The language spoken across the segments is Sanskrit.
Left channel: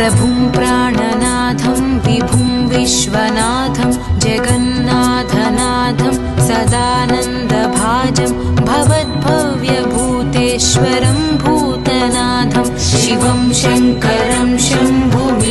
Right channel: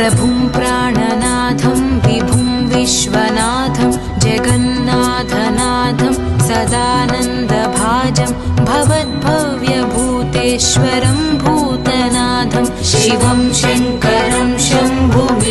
प्रभुं प्राणनाथं विभुं विश्वनाथं जगन्नाथनाथं सदानन्दभाजं भवद्भव्यभूतेश्वरं भूतनाथं शिवं शङ्करं शम्भुमीशानमीडे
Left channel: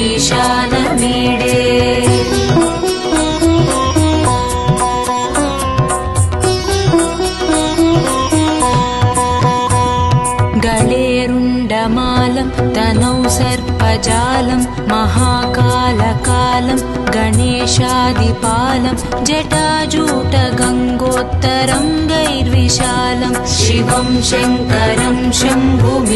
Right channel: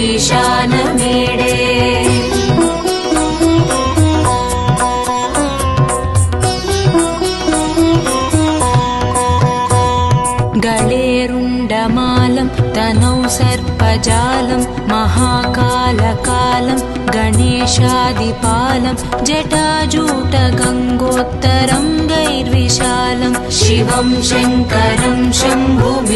गलेरुण्डमालं तनौ सर्पजालं महाकालकालं गणेशादिपालं जटाजूटगङ्गोत्तरं गैर्विशालं शिवं शङ्करं शम्भुमीशानमीडे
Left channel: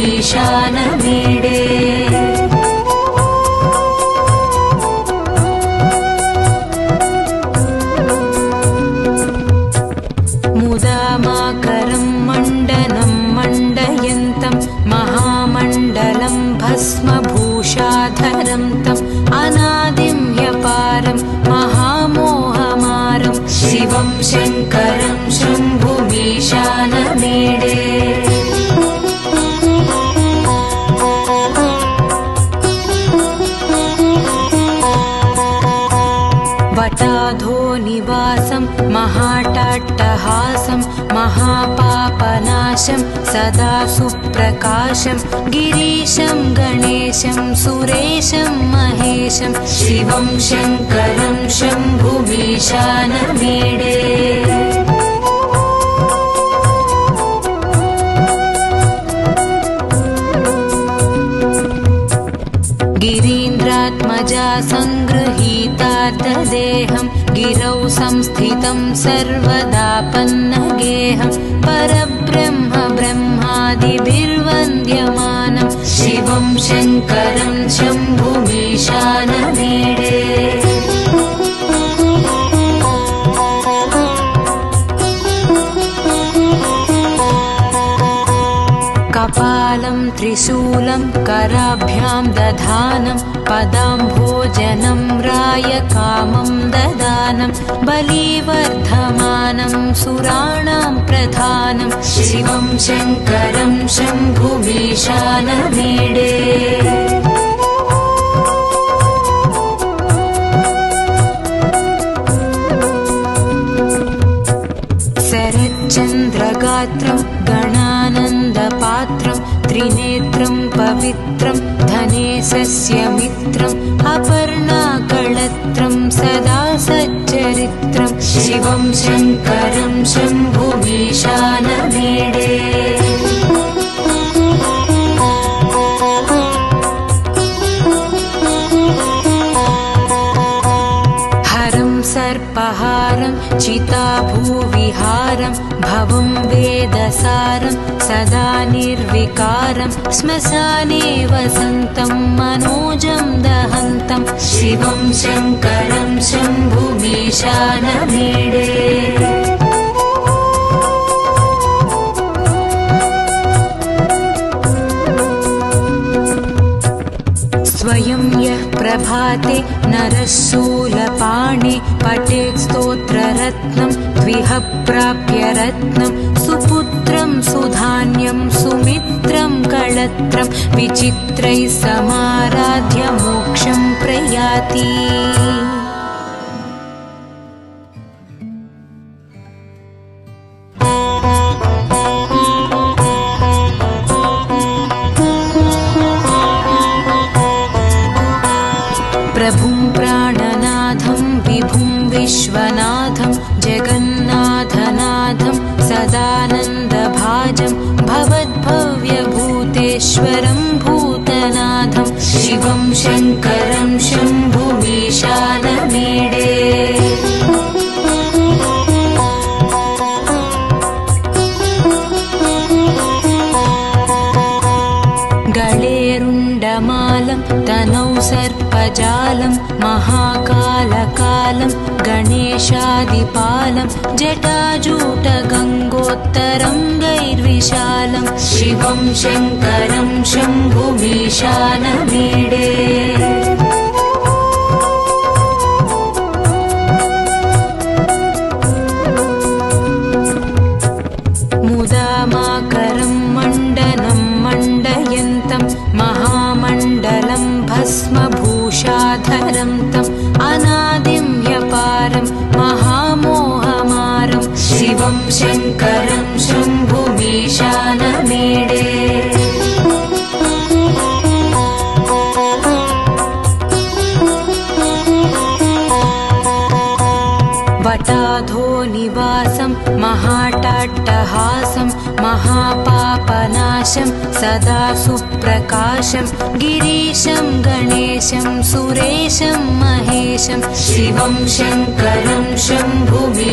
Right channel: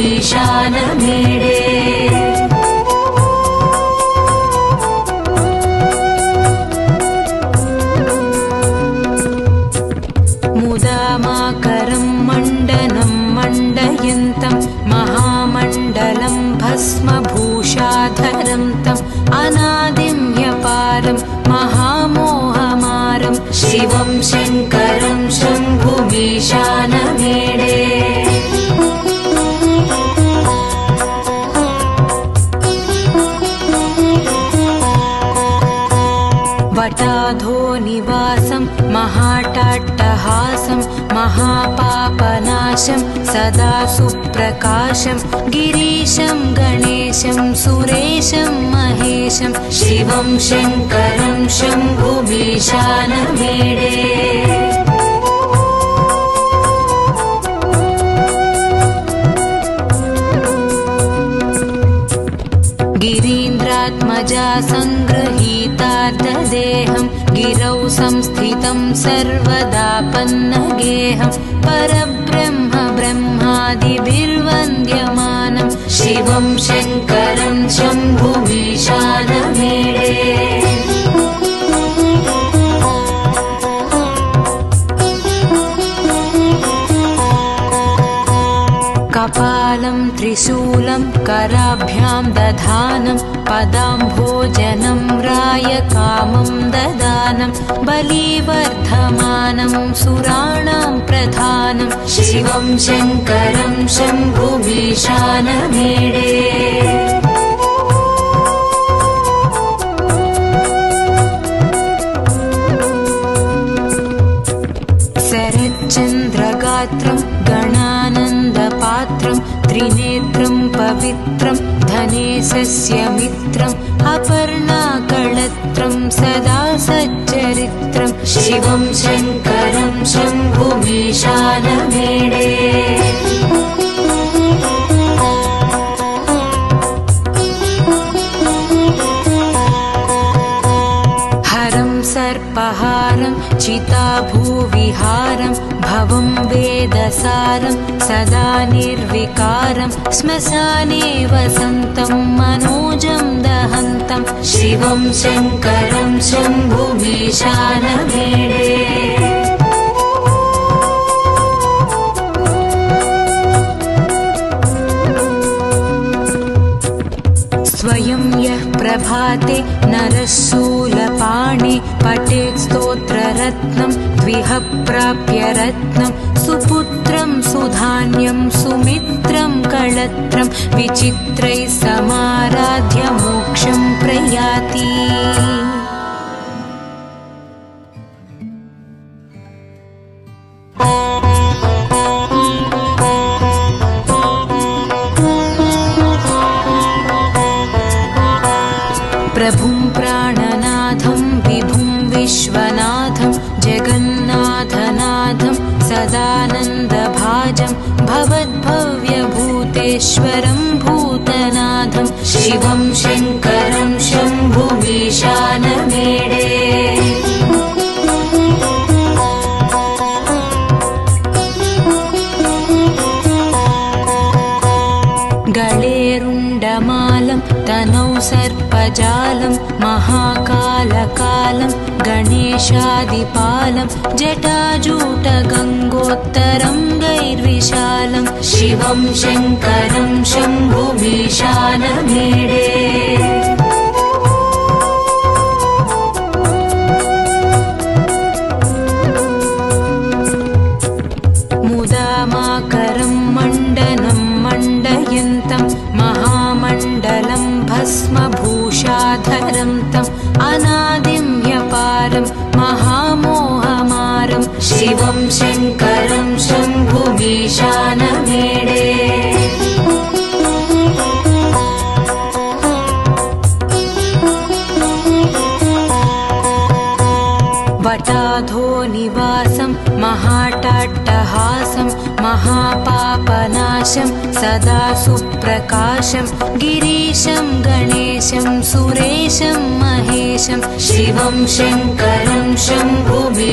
मुदामाकरं मण्डनं मण्डयन्तं महामण्डलं भस्मभूषाधरं तम् अनादिं ह्यपारं महामोहमारं शिवं शङ्करं शम्भुमीशानमीडे वटाधो निवासं महाटाट्टहासं महापापनाशं सदा सुप्रकाशं गिरीशं गणेशं सुरेशं महेशं शिवं शङ्करं शम्भुमीशानमीडे गिरीन्द्रात्मजा सङ्गृहीतार्धदेहं गिरौ संस्थितं सर्वदापन्नगेहं परब्रह्म ब्रह्मादिभिर्वन्द्यमानं शिवं शङ्करं शम्भुमीशानमीडे कपालं त्रिशूलं कराभ्यां दधानं पदाम्भोजनं रायकामं ददानं बलिवर्धमानं सुराणां प्रधानं शिवं शङ्करं शम्भुमीशानमीडे शरच्चन्द्रगात्रं गणानन्दपात्रं त्रिनेत्रं पवित्रं धनेशस्य मित्रम् अपर्णाकळत्रं सदा सच्चरित्रं शिवं शङ्करं शम्भुमीशानमीडे हरं सर्पहारं चिताभूविहारं भवं वेदसारं सदा निर्विकारं श्मशाने वसन्तं मनोजं दहन्तं शिवं शङ्करं शम्भुमीशानमीडे स्वयं यः प्रभाते नरः शूलपाणे पठेत् स्तोत्ररत्नं द्विह प्राप्य रत्नं सुपुत्रं सुधान्यं सुमित्रं कळत्रं विचित्रैः समाराध्य मोक्षं प्रयाति प्रभुं प्राणनाथं विभुं विश्वनाथं जगन्नाथनाथं सदानन्दभाजं भवद्भव्यभूतेश्वरं भूतनाथं शिवं शङ्करं शम्भुमीशानमीडे गलेरुण्डमालं तनौ सर्पजालं महाकालकालं गणेशादिपालं जटाजूटगङ्गोत्तरं गैर्विशालं शिवं शङ्करं शम्भुमीशानमीडे मुदामाकरं मण्डनं मण्डयन्तं महामण्डलं मण्डलं भस्मभूषाधरं तम् अनादिं ह्यपारं महामोहमारं शिवं शङ्करं शम्भुमीशानमीडे वटाधो निवासं महाटाट्टहासं महापापनाशं सदा सुप्रकाशं गिरीशं गणेशं सुरेशं महेशं शिवं शङ्करं शम्भुमीशानमीडे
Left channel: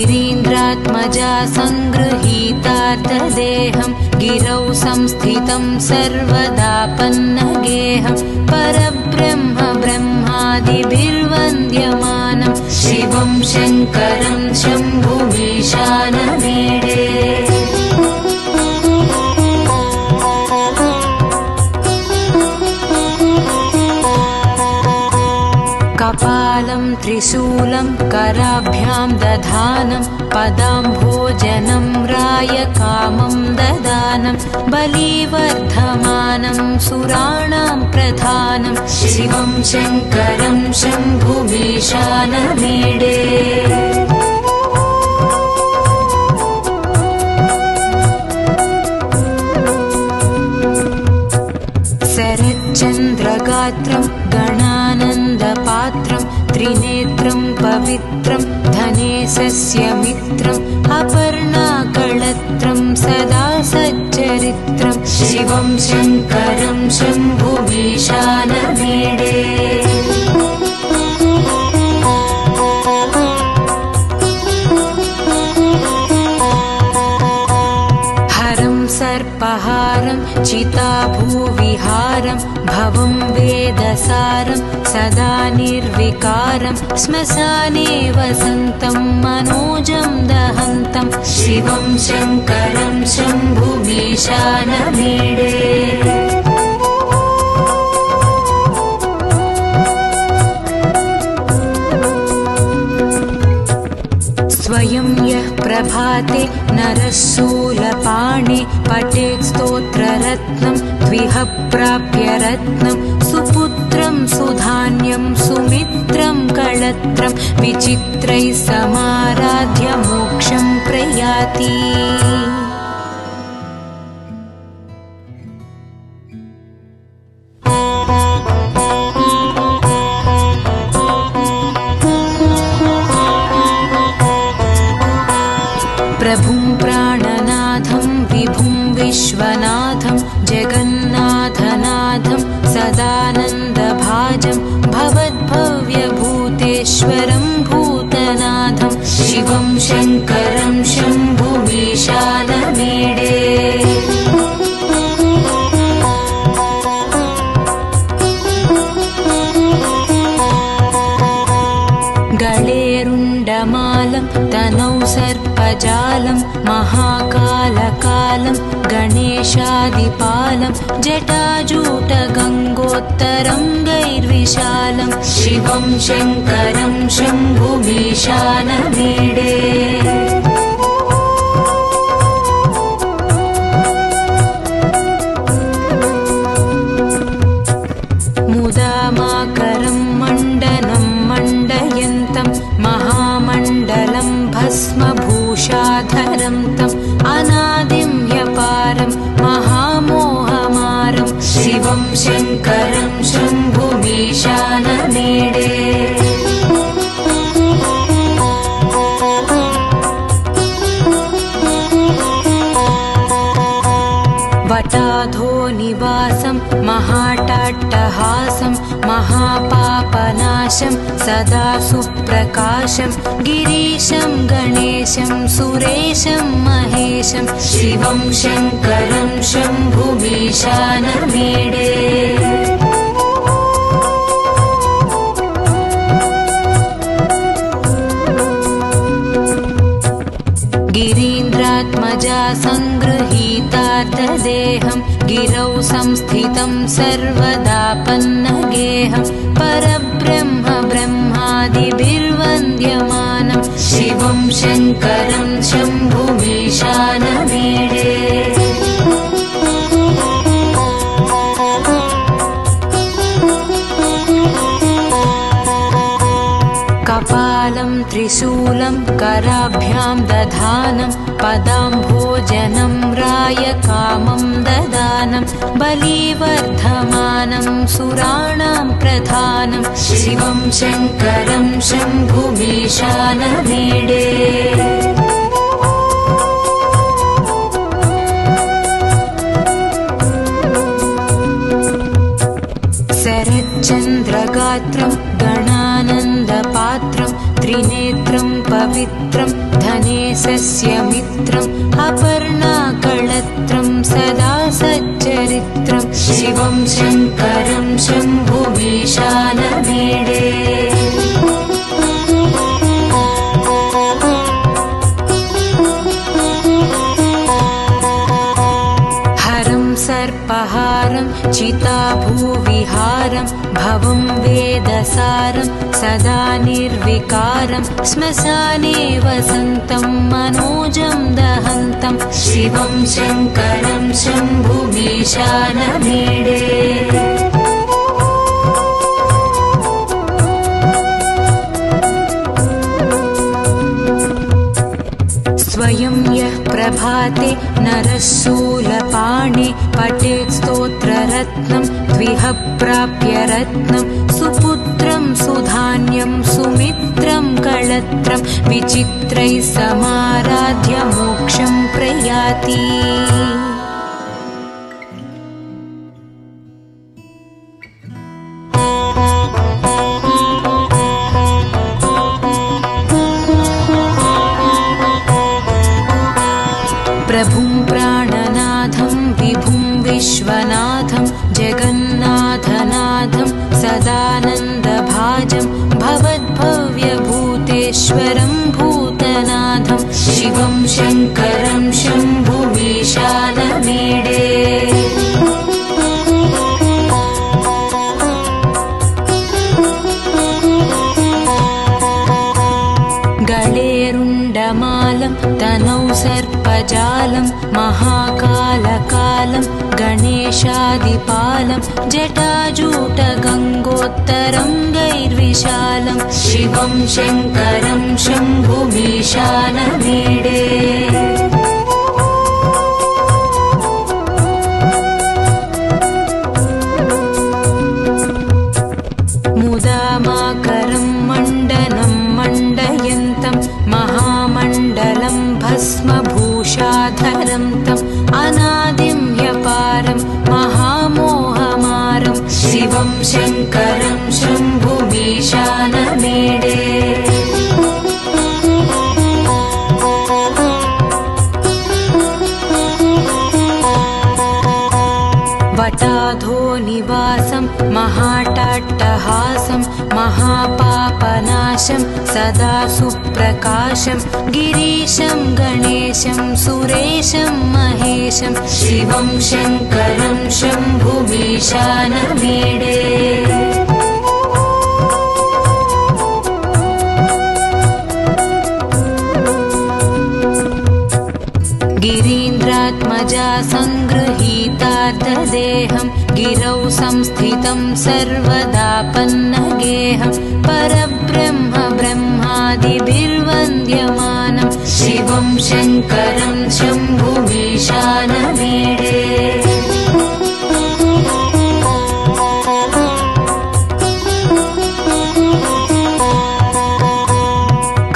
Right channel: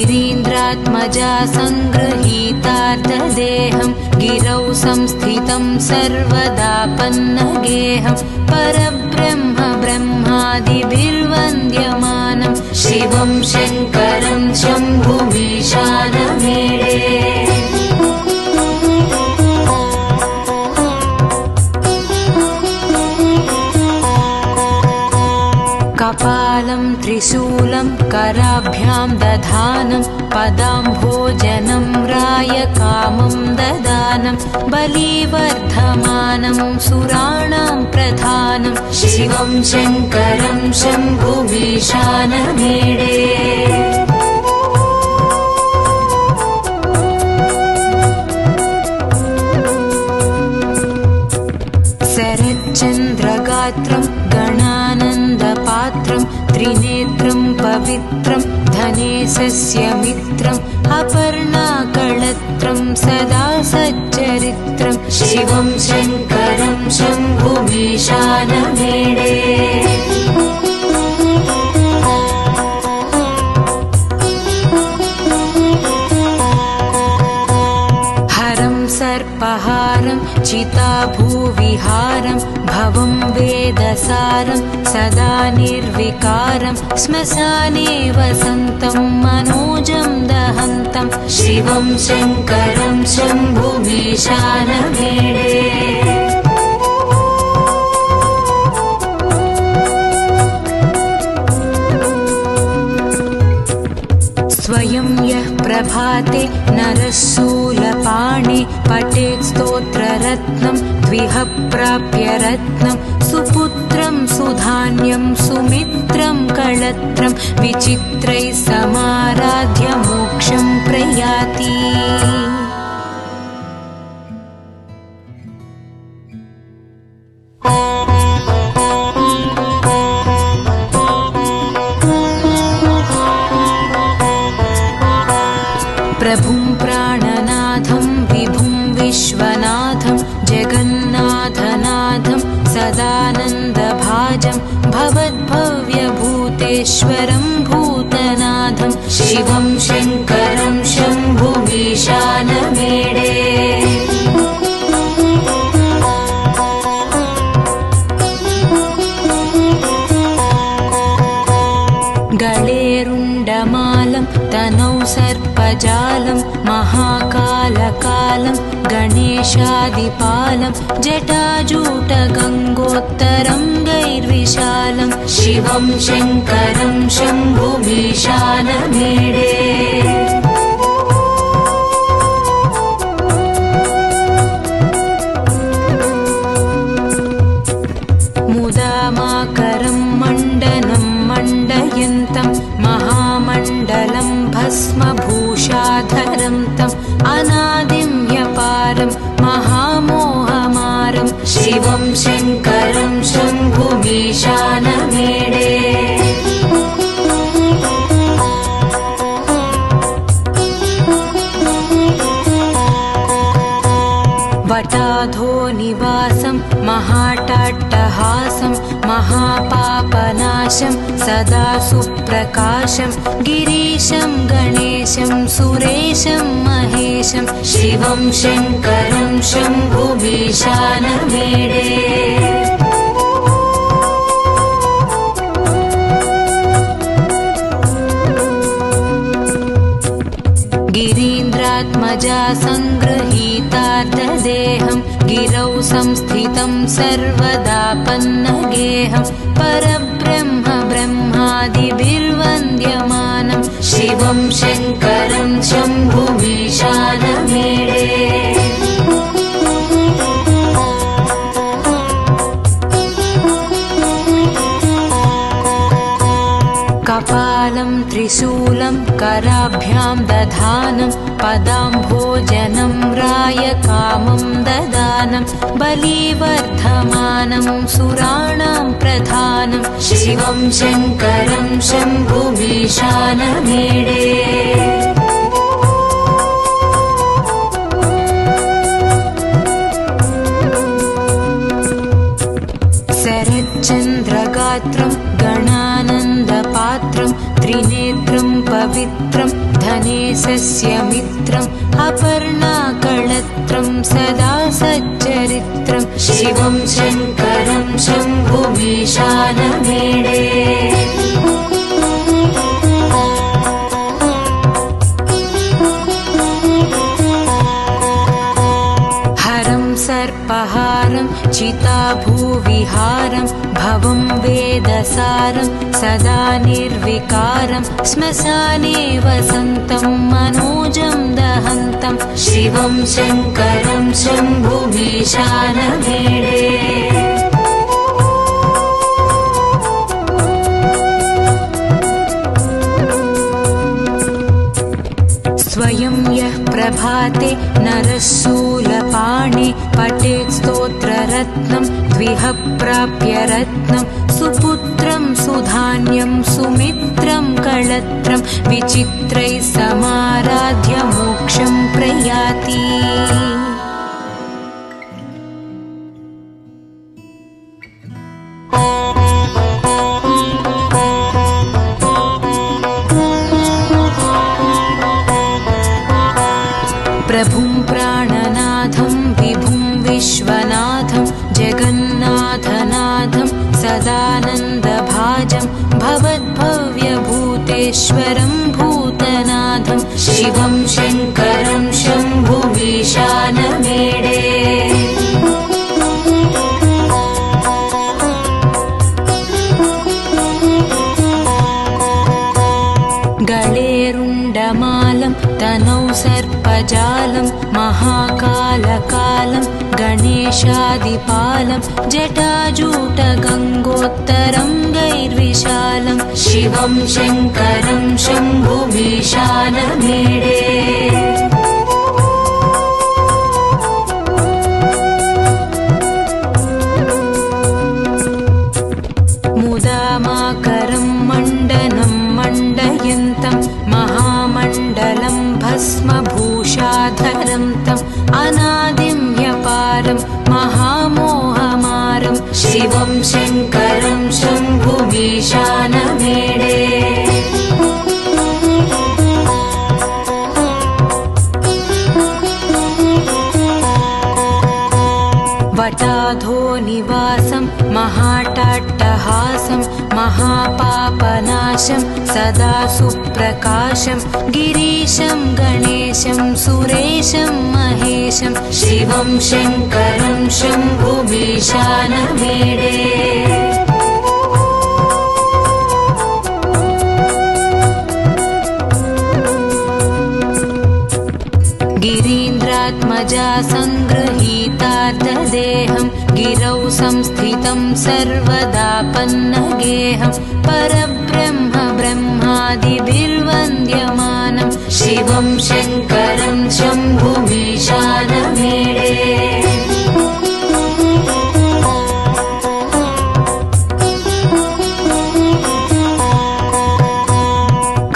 गिरीन्द्रात्मजा सङ्गृहीतार्धदेहं गिरौ संस्थितं सर्वदापन्नगेहं परब्रह्म ब्रह्मादिभिर्वन्द्यमानं शिवं शङ्करं शम्भुमीशानमीडे कपालं त्रिशूलं कराभ्यां दधानं पदाम्भोजनं रायकामं ददानं बलिवर्धमानं सुराणां प्रधानं शिवं शङ्करं शम्भुमीशानमीडे शरच्चन्द्रगात्रं गणानन्दपात्रं त्रिनेत्रं पवित्रं धनेशस्य मित्रम् अपर्णाकळत्रं सदा सच्चरित्रं शिवं शङ्करं शम्भुमीशानमीडे हरं सर्पहारं चिताभूविहारं भवं वेदसारं सदा निर्विकारं श्मशाने वसन्तं मनोजं दहन्तं शिवं शङ्करं शम्भुमीशानमीडे स्वयं यः प्रभाते नरः शूलपाणे पठेत् स्तोत्ररत्नं द्विह प्राप्य रत्नं सुपुत्रं सुधान्यं सुमित्रं कळत्रं विचित्रैः समाराध्य मोक्षं प्रयाति प्रभुं प्राणनाथं विभुं विश्वनाथं जगन्नाथनाथं सदानन्दभाजं भवद्भव्यभूतेश्वरं भूतनाथं शिवं शङ्करं शम्भुमीशानमीडे गळेरुण्डमालं तनौ सर्पजालं महाकालकालं गणेशादिपालं जटाजूटगङ्गोत्तरं गैर्विशालं शिवं शङ्करं शम्भुमीशानमीडे मुदामाकरं मण्डनं मण्डयन्तं महामण्डलं भस्मभूषाधरं तम् अनादिं ह्यपारं महामोहमारं शिवं शङ्करं शम्भुमीशानमीडे वटाधो निवासं महाटाट्टहासं महापापनाशं सदा सुप्रकाशं गिरीशं गणेशं सुरेशं महेशं शिवं शङ्करं शम्भुमीशानमीडे गिरीन्द्रात्मजा सङ्गृहीतार्धदेहं गिरौ संस्थितं सर्वदापन्नगेहं परब्रह्म ब्रह्मादिभिर्वन्द्यमानं शिवं शङ्करं शम्भुमीशानमीडे कपालं त्रिशूलं कराभ्यां दधानं पदाम्भोजनं रायकामं ददानं बलिवर्धमानं सुराणां प्रधानं शिवं शङ्करं शम्भुमीशानमीडे शरच्चन्द्रगात्रं गणानन्दपात्रं त्रिनेत्रं पवित्रं धनेशस्य मित्रम् अपर्णाकळत्रं सदा सच्चरित्रं शिवं शङ्करं शम्भुमीशानमीडे हरं सर्पहारं चिताभूविहारं भवं वेदसारं सदा निर्विकारं श्मशाने वसन्तं मनोजं दहन्तं शिवं शङ्करं शम्भुमीशानमीडे स्वयं यः प्रभाते नरः शूलपाणे पठेत् स्तोत्ररत्नं द्विह प्राप्य रत्नं सुपुत्रं सुधान्यं सुमित्रं कळत्रं विचित्रैः समाराध्य मोक्षं प्रयाति प्रभुं प्राणनाथं विभुं विश्वनाथं जगन्नाथनाथं सदानन्दभाजं भवद्भव्यभूतेश्वरं भूतनाथं शिवं शङ्करं शम्भुमीशानमीडे गळेरुण्डमालं तनौ सर्पजालं महाकालकालं गणेशादिपालं जटाजूटगङ्गोत्तरं गैर्विशालं शिवं शङ्करं शम्भुमीशानमीडे मुदामाकरं मण्डनं मण्डयन्तं महामण्डलं भस्मभूषाधरं तम् अनादिं ह्यपारं महामोहमारं शिवं शङ्करं शम्भुमीशानमीडे वटाधो निवासं महाटाट्टहासं महापापनाशं सदा सुप्रकाशं गिरीशं गणेशं सुरेशं महेशं शिवं शङ्करं शम्भुमीशानमीडे गिरीन्द्रात्मजा सङ्गृहीतार्धदेहं गिरौ संस्थितं सर्वदा पन्नगेहं परब्रह्म ब्रह्मादिभिर्वन्द्यमानं शिवं शङ्करं शम्भुमीशानमीडे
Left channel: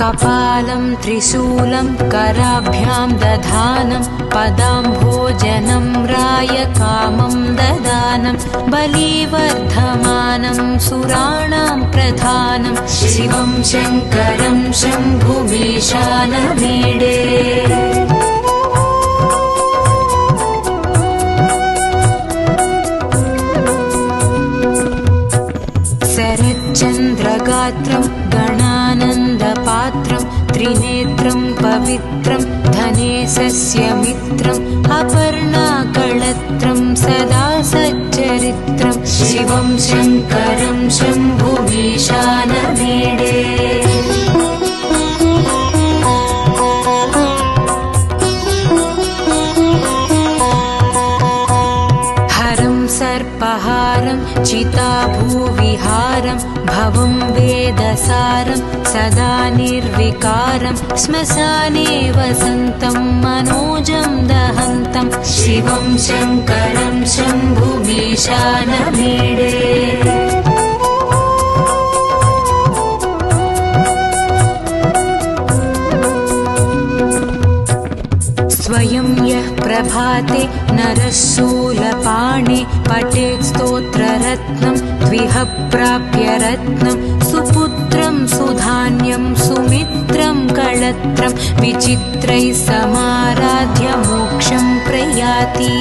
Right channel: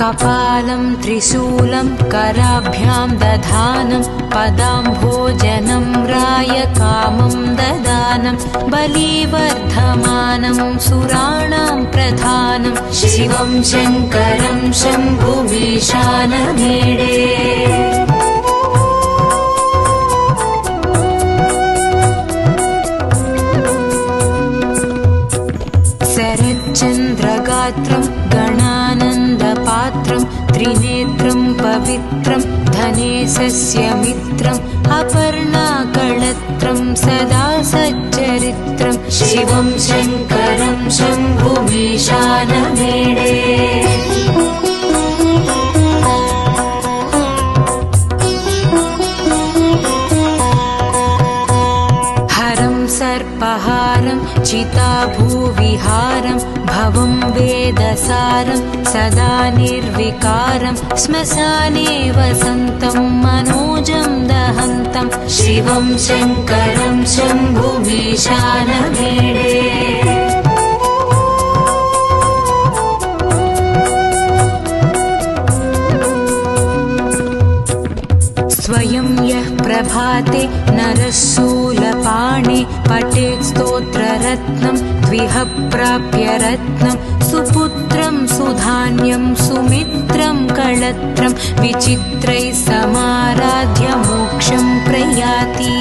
कपालं त्रिशूलं कराभ्यां दधानं पदाम्भोजनं रायकामं ददानं बलिवर्धमानं सुराणां प्रधानं शिवं शङ्करं शम्भुमीशानमीडे शरच्चन्द्रगात्रं गणानन्दपात्रं त्रिनेत्रं पवित्रं धनेशस्य मित्रम् अपर्णाकळत्रं सदा सच्चरित्रं शिवं शङ्करं शम्भुमीशानमीडे हरं सर्पहारं चिताभूविहारं भवं वेदसारं सदा निर्विकारं श्मशाने वसन्तं मनोजं दहन्तं शिवं शङ्करं शम्भुमीशानमीडे स्वयं यः प्रभाते नरः शूलपाणे पठेत् स्तोत्ररत्नं द्विह प्राप्य रत्नं सुपुत्रं सुधान्यं सुमित्रं कळत्रं विचित्रैः समाराध्य मोक्षं प्रयाति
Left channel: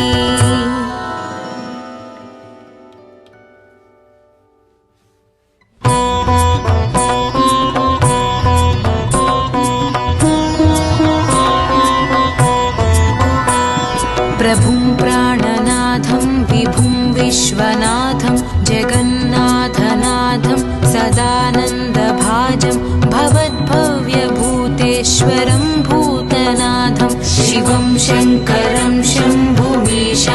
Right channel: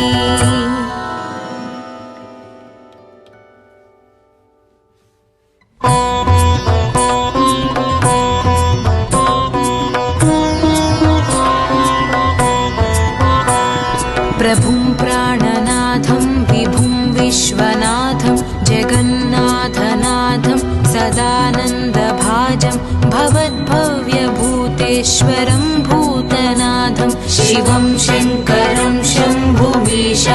प्रभुं प्राणनाथं विभुं विश्वनाथं जगन्नाथनाथं सदानन्दभाजं भवद्भव्यभूतेश्वरं भूतनाथं शिवं शङ्करं शम्भुमीशानमीडे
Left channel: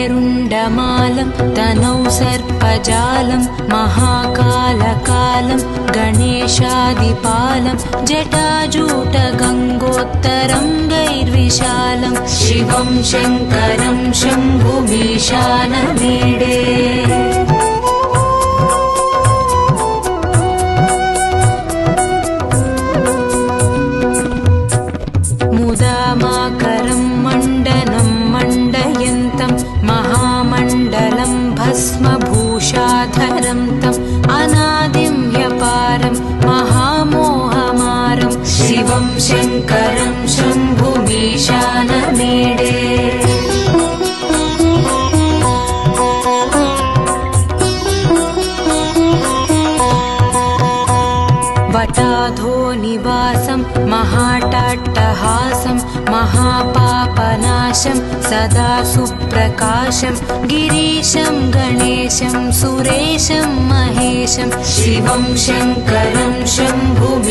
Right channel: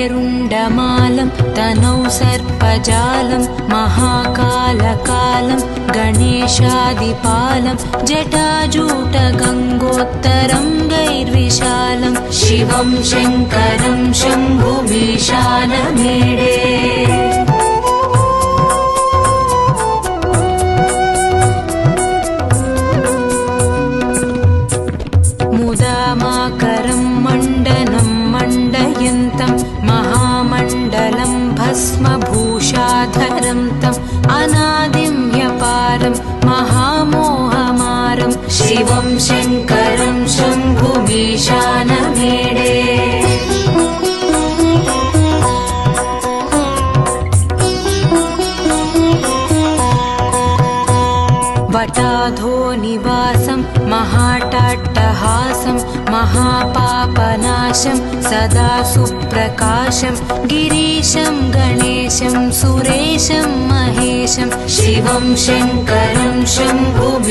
गळेरुण्डमालं तनौ सर्पजालं महाकालकालं गणेशादिपालं जटाजूटगङ्गोत्तरङ्गैर्विशालं शिवं शङ्करं शम्भुमीशानमीडे मुदामाकरं मण्डनं मण्डयन्तं महामण्डलं भस्मभूषाधरं तम् अनादिं ह्यपारं महामोहमारं शिवं शङ्करं शम्भुमीशानमीडे वटाधो निवासं महाटाट्टहासं महापापनाशं सदा सुप्रकाशं गिरीशं गणेशं सुरेशं महेशं शिवं शङ्करं शम्भुमीशानमीडे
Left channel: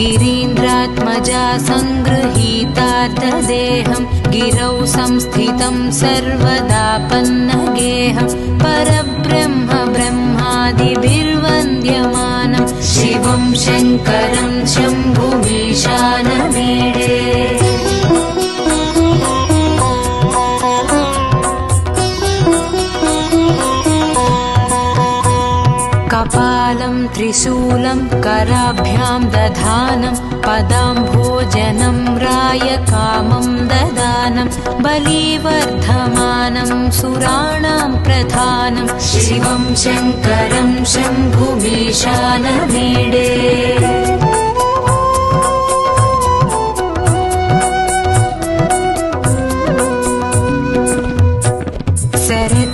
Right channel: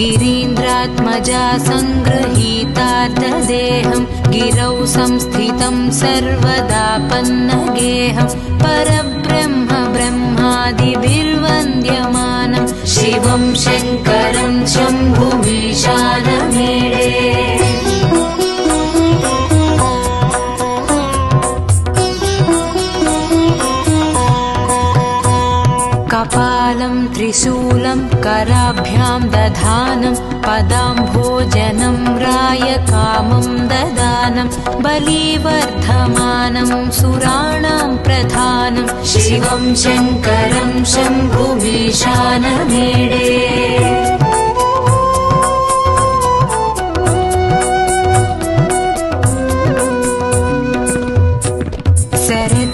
गिरीन्द्रात्मजा सङ्गृहीतार्थदेहं गिरौ संस्थितं सर्वदापन्नगेहं परब्रह्म ब्रह्मादिभिर्वन्द्यमानं शिवं शङ्करं शम्भुमीशानमीडे कपालं त्रिशूलं कराभ्यां दधानं पदाम्भोजनं रायकामं ददानं बलिवर्धमानं सुराणां प्रधानं शिवं शङ्करं शम्भुमीशानमीडे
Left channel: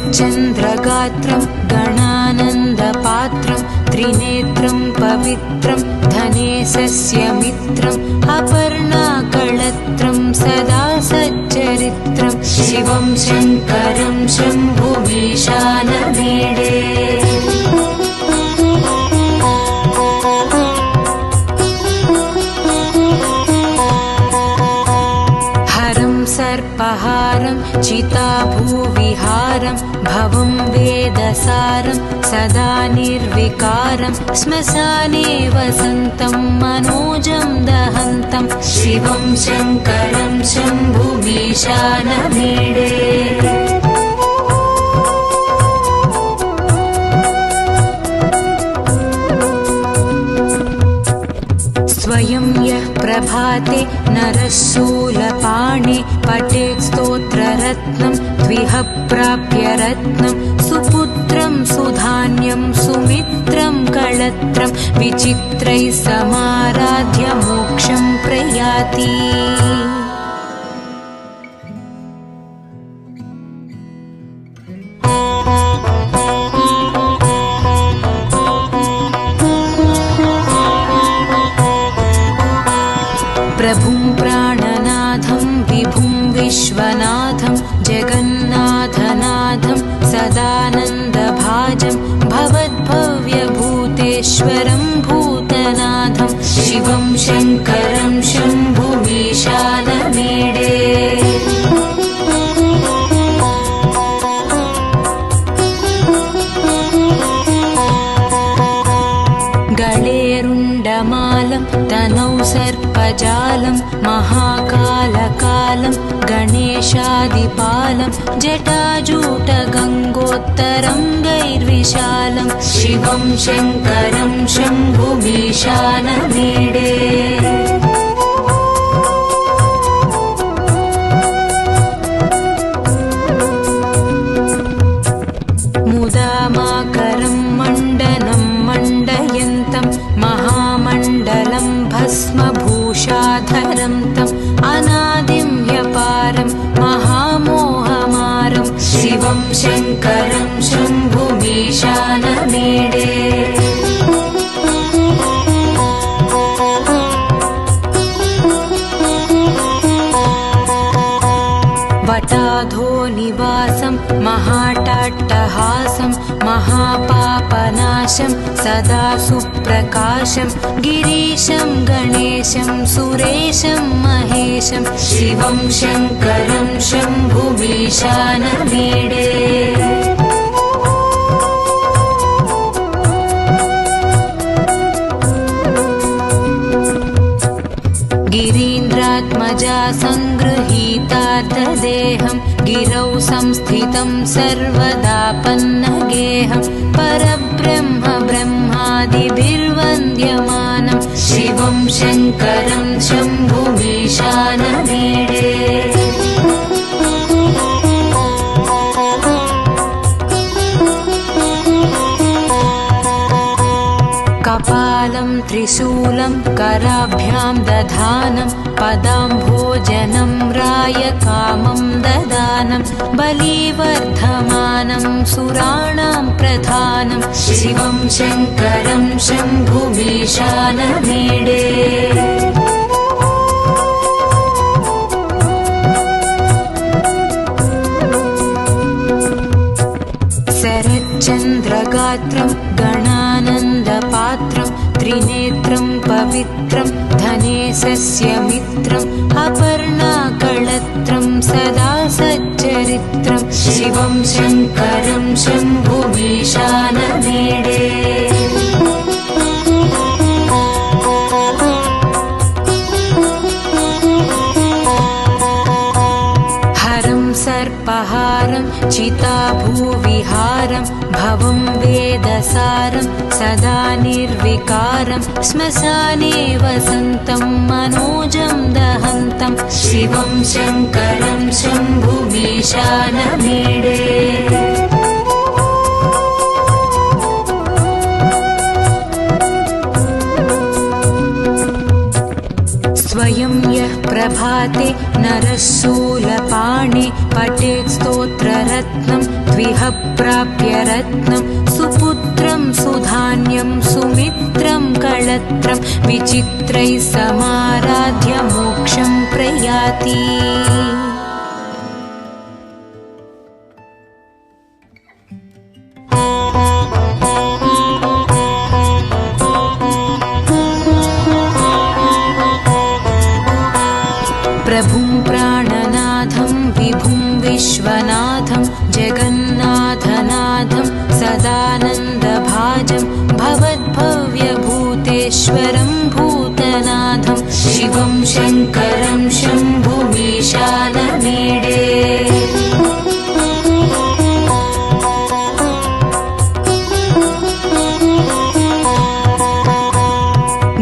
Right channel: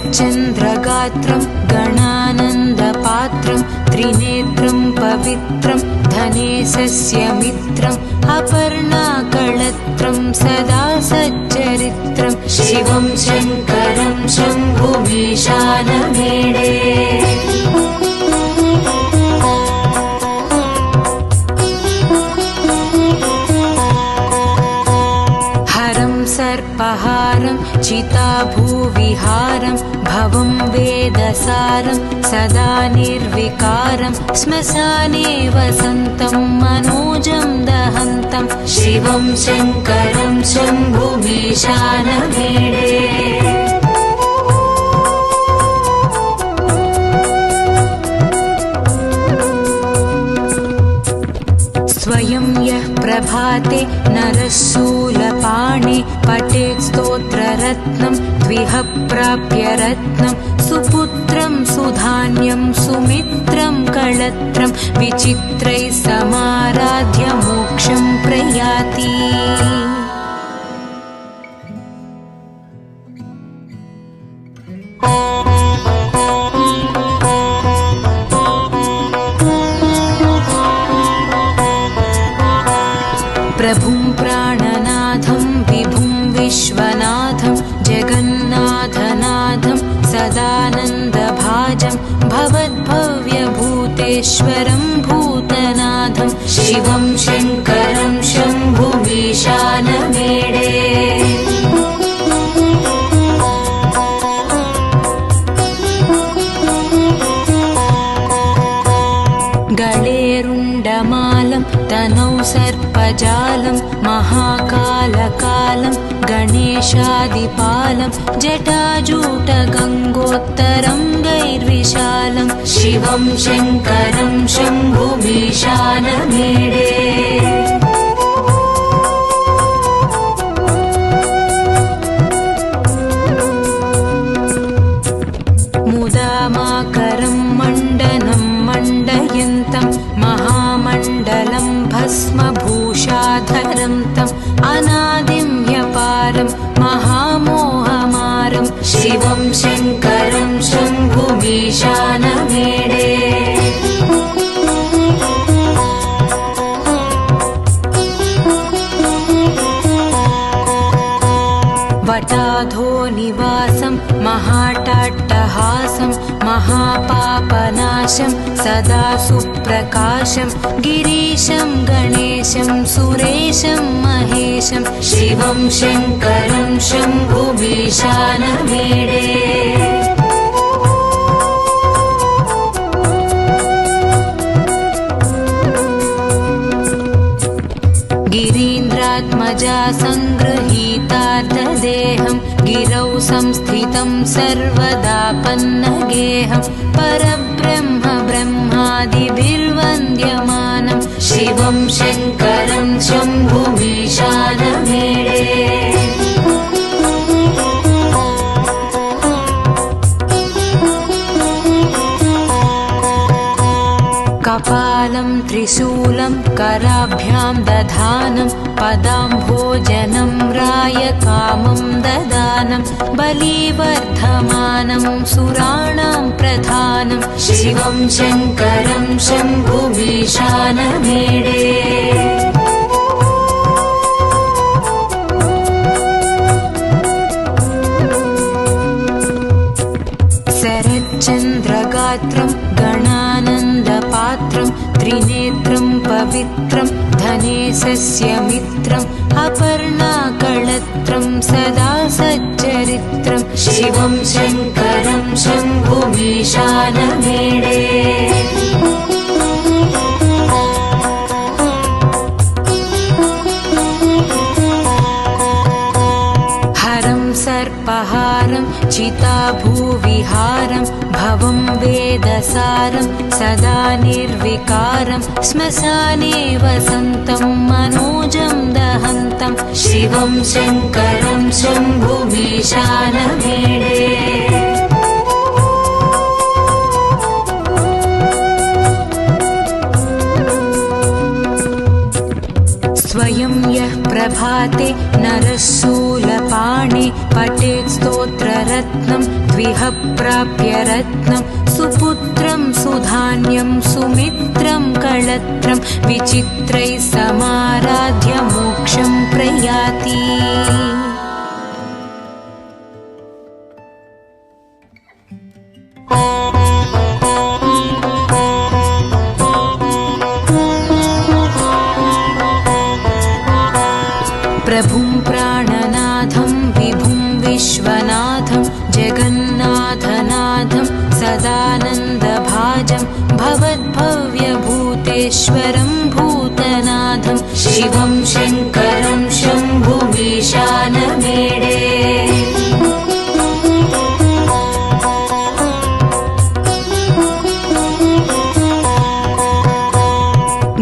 शरच्चन्द्रगात्रं गणानन्दपात्रं त्रिनेत्रं पवित्रं धनेशस्य मित्रम् अपर्णाकळत्रं सदा सच्चरित्रं शिवं शङ्करं शम्भुमीशानमीडे हरं सर्पहारं चिताभूविहारं भवं वेदसारं सदा निर्विकारं श्मशाने वसन्तं मनोजं दहन्तं शिवं शङ्करं शम्भुमीशानमीडे स्वयं यः प्रभाते नरः शूलपाणे पठेत् स्तोत्ररत्नं द्विह प्राप्य रत्नं सुपुत्रं सुधान्यं सुमित्रं कळत्रं विचित्रैः समाराध्य मोक्षं प्रयाति। प्रभुं प्राणनाथं विभुं विश्वनाथं जगन्नाथनाथं सदानन्दभाजं भवद्भव्यभूतेश्वरं भूतनाथं शिवं शङ्करं शम्भुमीशानमीडे। गळेरुण्डमालं तनौ सर्पजालं महाकालकालं गणेशादिपालं जटाजूटगङ्गोत्तरं गैर्विशालं शिवं शङ्करं शम्भुमीशानमीडे। मुदामाकरं मण्डनं मण्डयन्तं महामण्डलं भस्मभूषाधरं तम् अनादिं ह्यपारं महामोहमारं शिवं शङ्करं शम्भुमीशानमीडे। वटाधो निवासं महाटाट्टहासं महापापनाशं सदा सुप्रकाशं गिरीशं गणेशं सुरेशं महेशं शिवं शङ्करं शम्भुमीशानमीडे। गिरीन्द्रात्मजा सङ्गृहीतार्धदेहं गिरौ संस्थितं सर्वदापन्नगेहं परब्रह्म ब्रह्मादिभिर्वन्द्यमानं शिवं शङ्करं शम्भुमीशानमीडे। कपालं त्रिशूलं कराभ्यां दधानं पदाम्भोजनं रायकामं ददानं बलिवर्धमानं सुराणां प्रधानं शिवं शङ्करं शम्भुमीशानमीडे। शरच्चन्द्रगात्रं गणानन्दपात्रं त्रिनेत्रं पवित्रं धनेशस्य मित्रम् अपर्णाकळत्रं सदा सच्चरित्रं शिवं शङ्करं शम्भुमीशानमीडे। हरं सर्पहारं चिताभूविहारं भवं वेदसारं सदा निर्विकारं श्मशाने वसन्तं मनोजं दहन्तं शिवं शङ्करं शम्भुमीशानमीडे। स्वयं यः प्रभाते नरः शूलपाणे पठेत् स्तोत्ररत्नं द्विह प्राप्य रत्नं सुपुत्रं सुधान्यं सुमित्रं कळत्रं विचित्रैः समाराध्य मोक्षं प्रयाति। प्रभुं प्राणनाथं विभुं विश्वनाथं जगन्नाथनाथं सदानन्दभाजं भवद्भव्यभूतेश्वरं भूतनाथं शिवं शङ्करं शम्भुमीशानमीडे।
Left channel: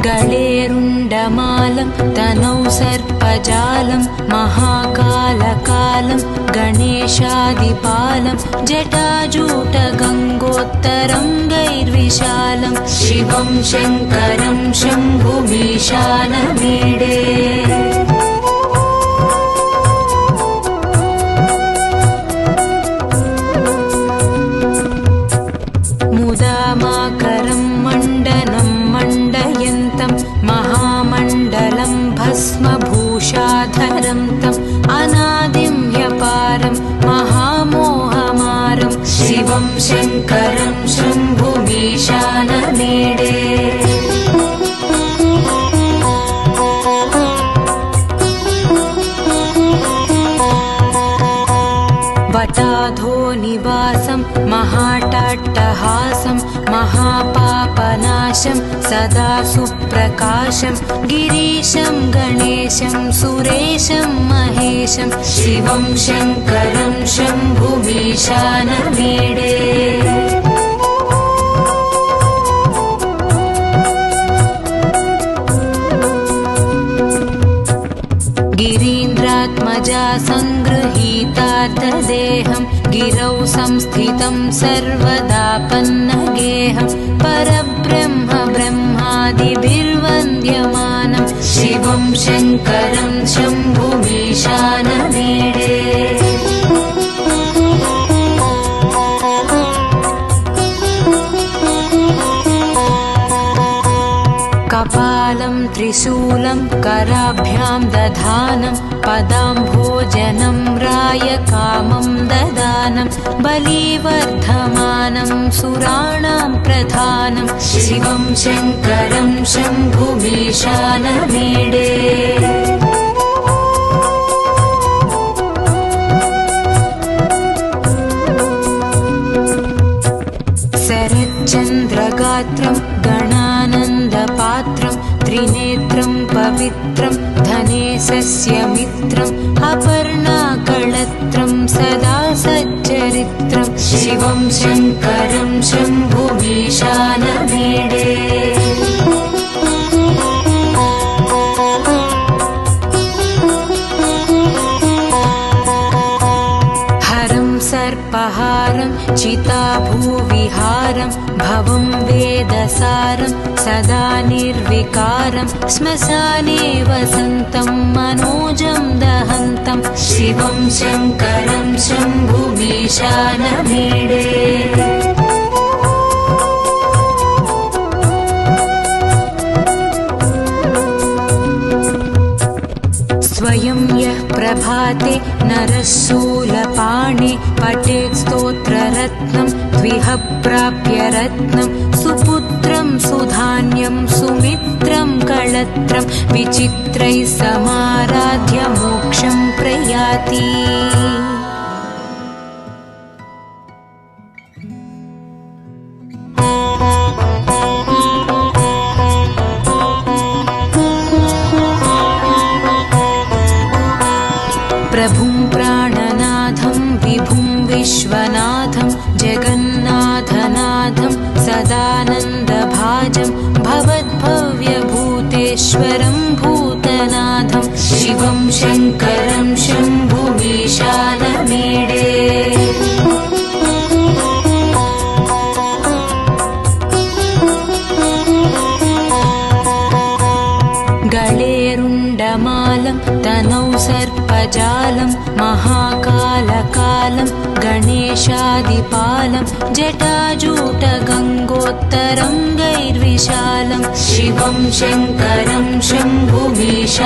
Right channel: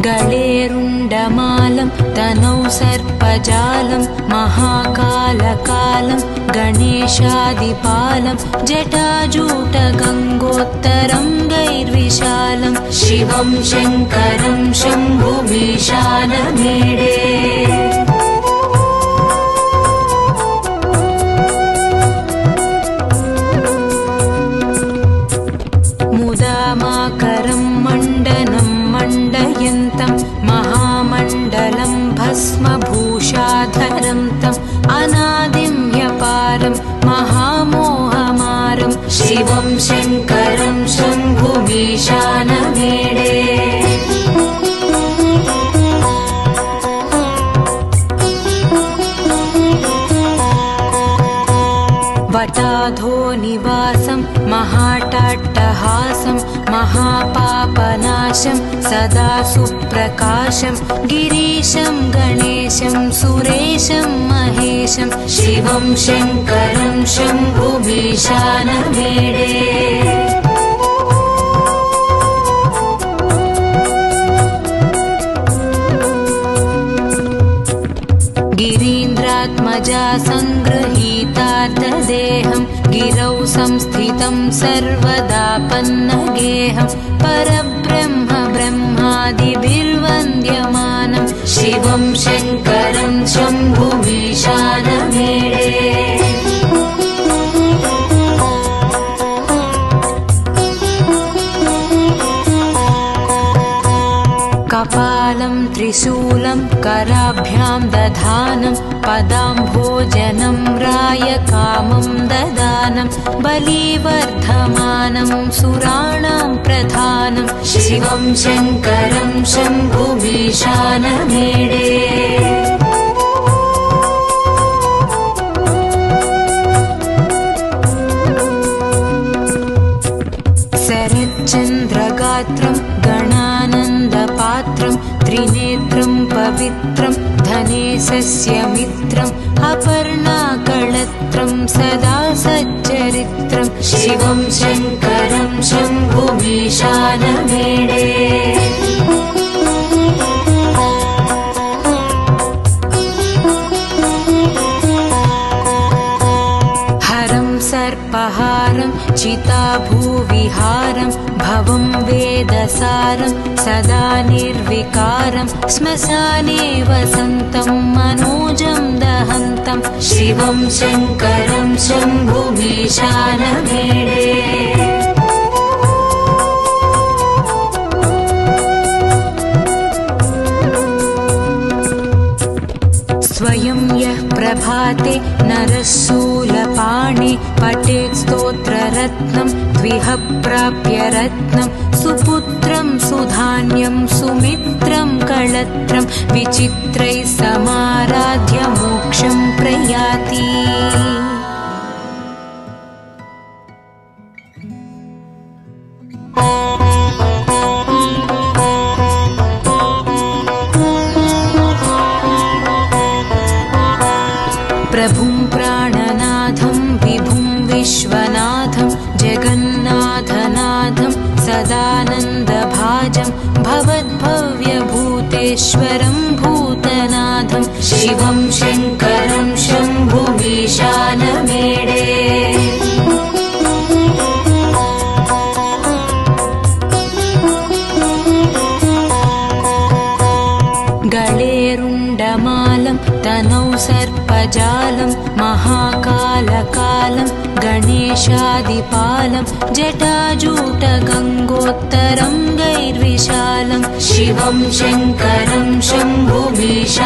गळेरुण्डमालं तनौ सर्पजालं महाकालकालं गणेशादिपालं जटाजूटगङ्गोत्तरङ्गैर्विशालं शिवं शङ्करं शम्भुमीशानमीडे मुदामाकरं मण्डनं मण्डयन्तं महामण्डलं भस्मभूषाधरं तम् अनादिं ह्यपारं महामोहमारं शिवं शङ्करं शम्भुमीशानमीडे वटाधो निवासं महाटाट्टहासं महापापनाशं सदा सुप्रकाशं गिरीशं गणेशं सुरेशं महेशं शिवं शङ्करं शम्भुमीशानमीडे गिरीन्द्रात्मजा सङ्गृहीतार्धदेहं गिरौ संस्थितं सर्वदापन्नगेहं परब्रह्म ब्रह्मादिभिर्वन्द्यमानं शिवं शङ्करं शम्भुमीशानमीडे कपालं त्रिशूलं कराभ्यां दधानं पदाम्भोजनं रायकामं ददानं बलिवर्धमानं सुराणां प्रधानं शिवं शङ्करं शम्भुमीशानमीडे शरच्चन्द्रगात्रं गणानन्दपात्रं त्रिनेत्रं पवित्रं धनेशस्य मित्रम् अपर्णाकळत्रं सदा सच्चरित्रं शिवं शङ्करं शम्भुमीशानमीडे हरं सर्पहारं चिताभूविहारं भवं वेदसारं सदा निर्विकारं श्मशाने वसन्तं मनोजं दहन्तं शिवं शङ्करं शम्भुमीशानमीडे स्वयं यः प्रभाते नरः शूलपाणे पठेत् स्तोत्ररत्नं द्विह प्राप्य रत्नं सुपुत्रं सुधान्यं सुमित्रं कळत्रं विचित्रैः समाराध्य मोक्षं प्रयाति प्रभुं प्राणनाथं विभुं विश्वनाथं जगन्नाथनाथं सदानन्दभाजं भवद्भव्यभूतेश्वरं भूतनाथं शिवं शङ्करं शम्भुमीशानमीडे गळेरुण्डमालं तनौ सर्पजालं महाकालकालं गणेशादिपालं जटाजूटगङ्गोत्तरङ्गैर्विशालं शिवं शङ्करं शम्भुमीशानमीडे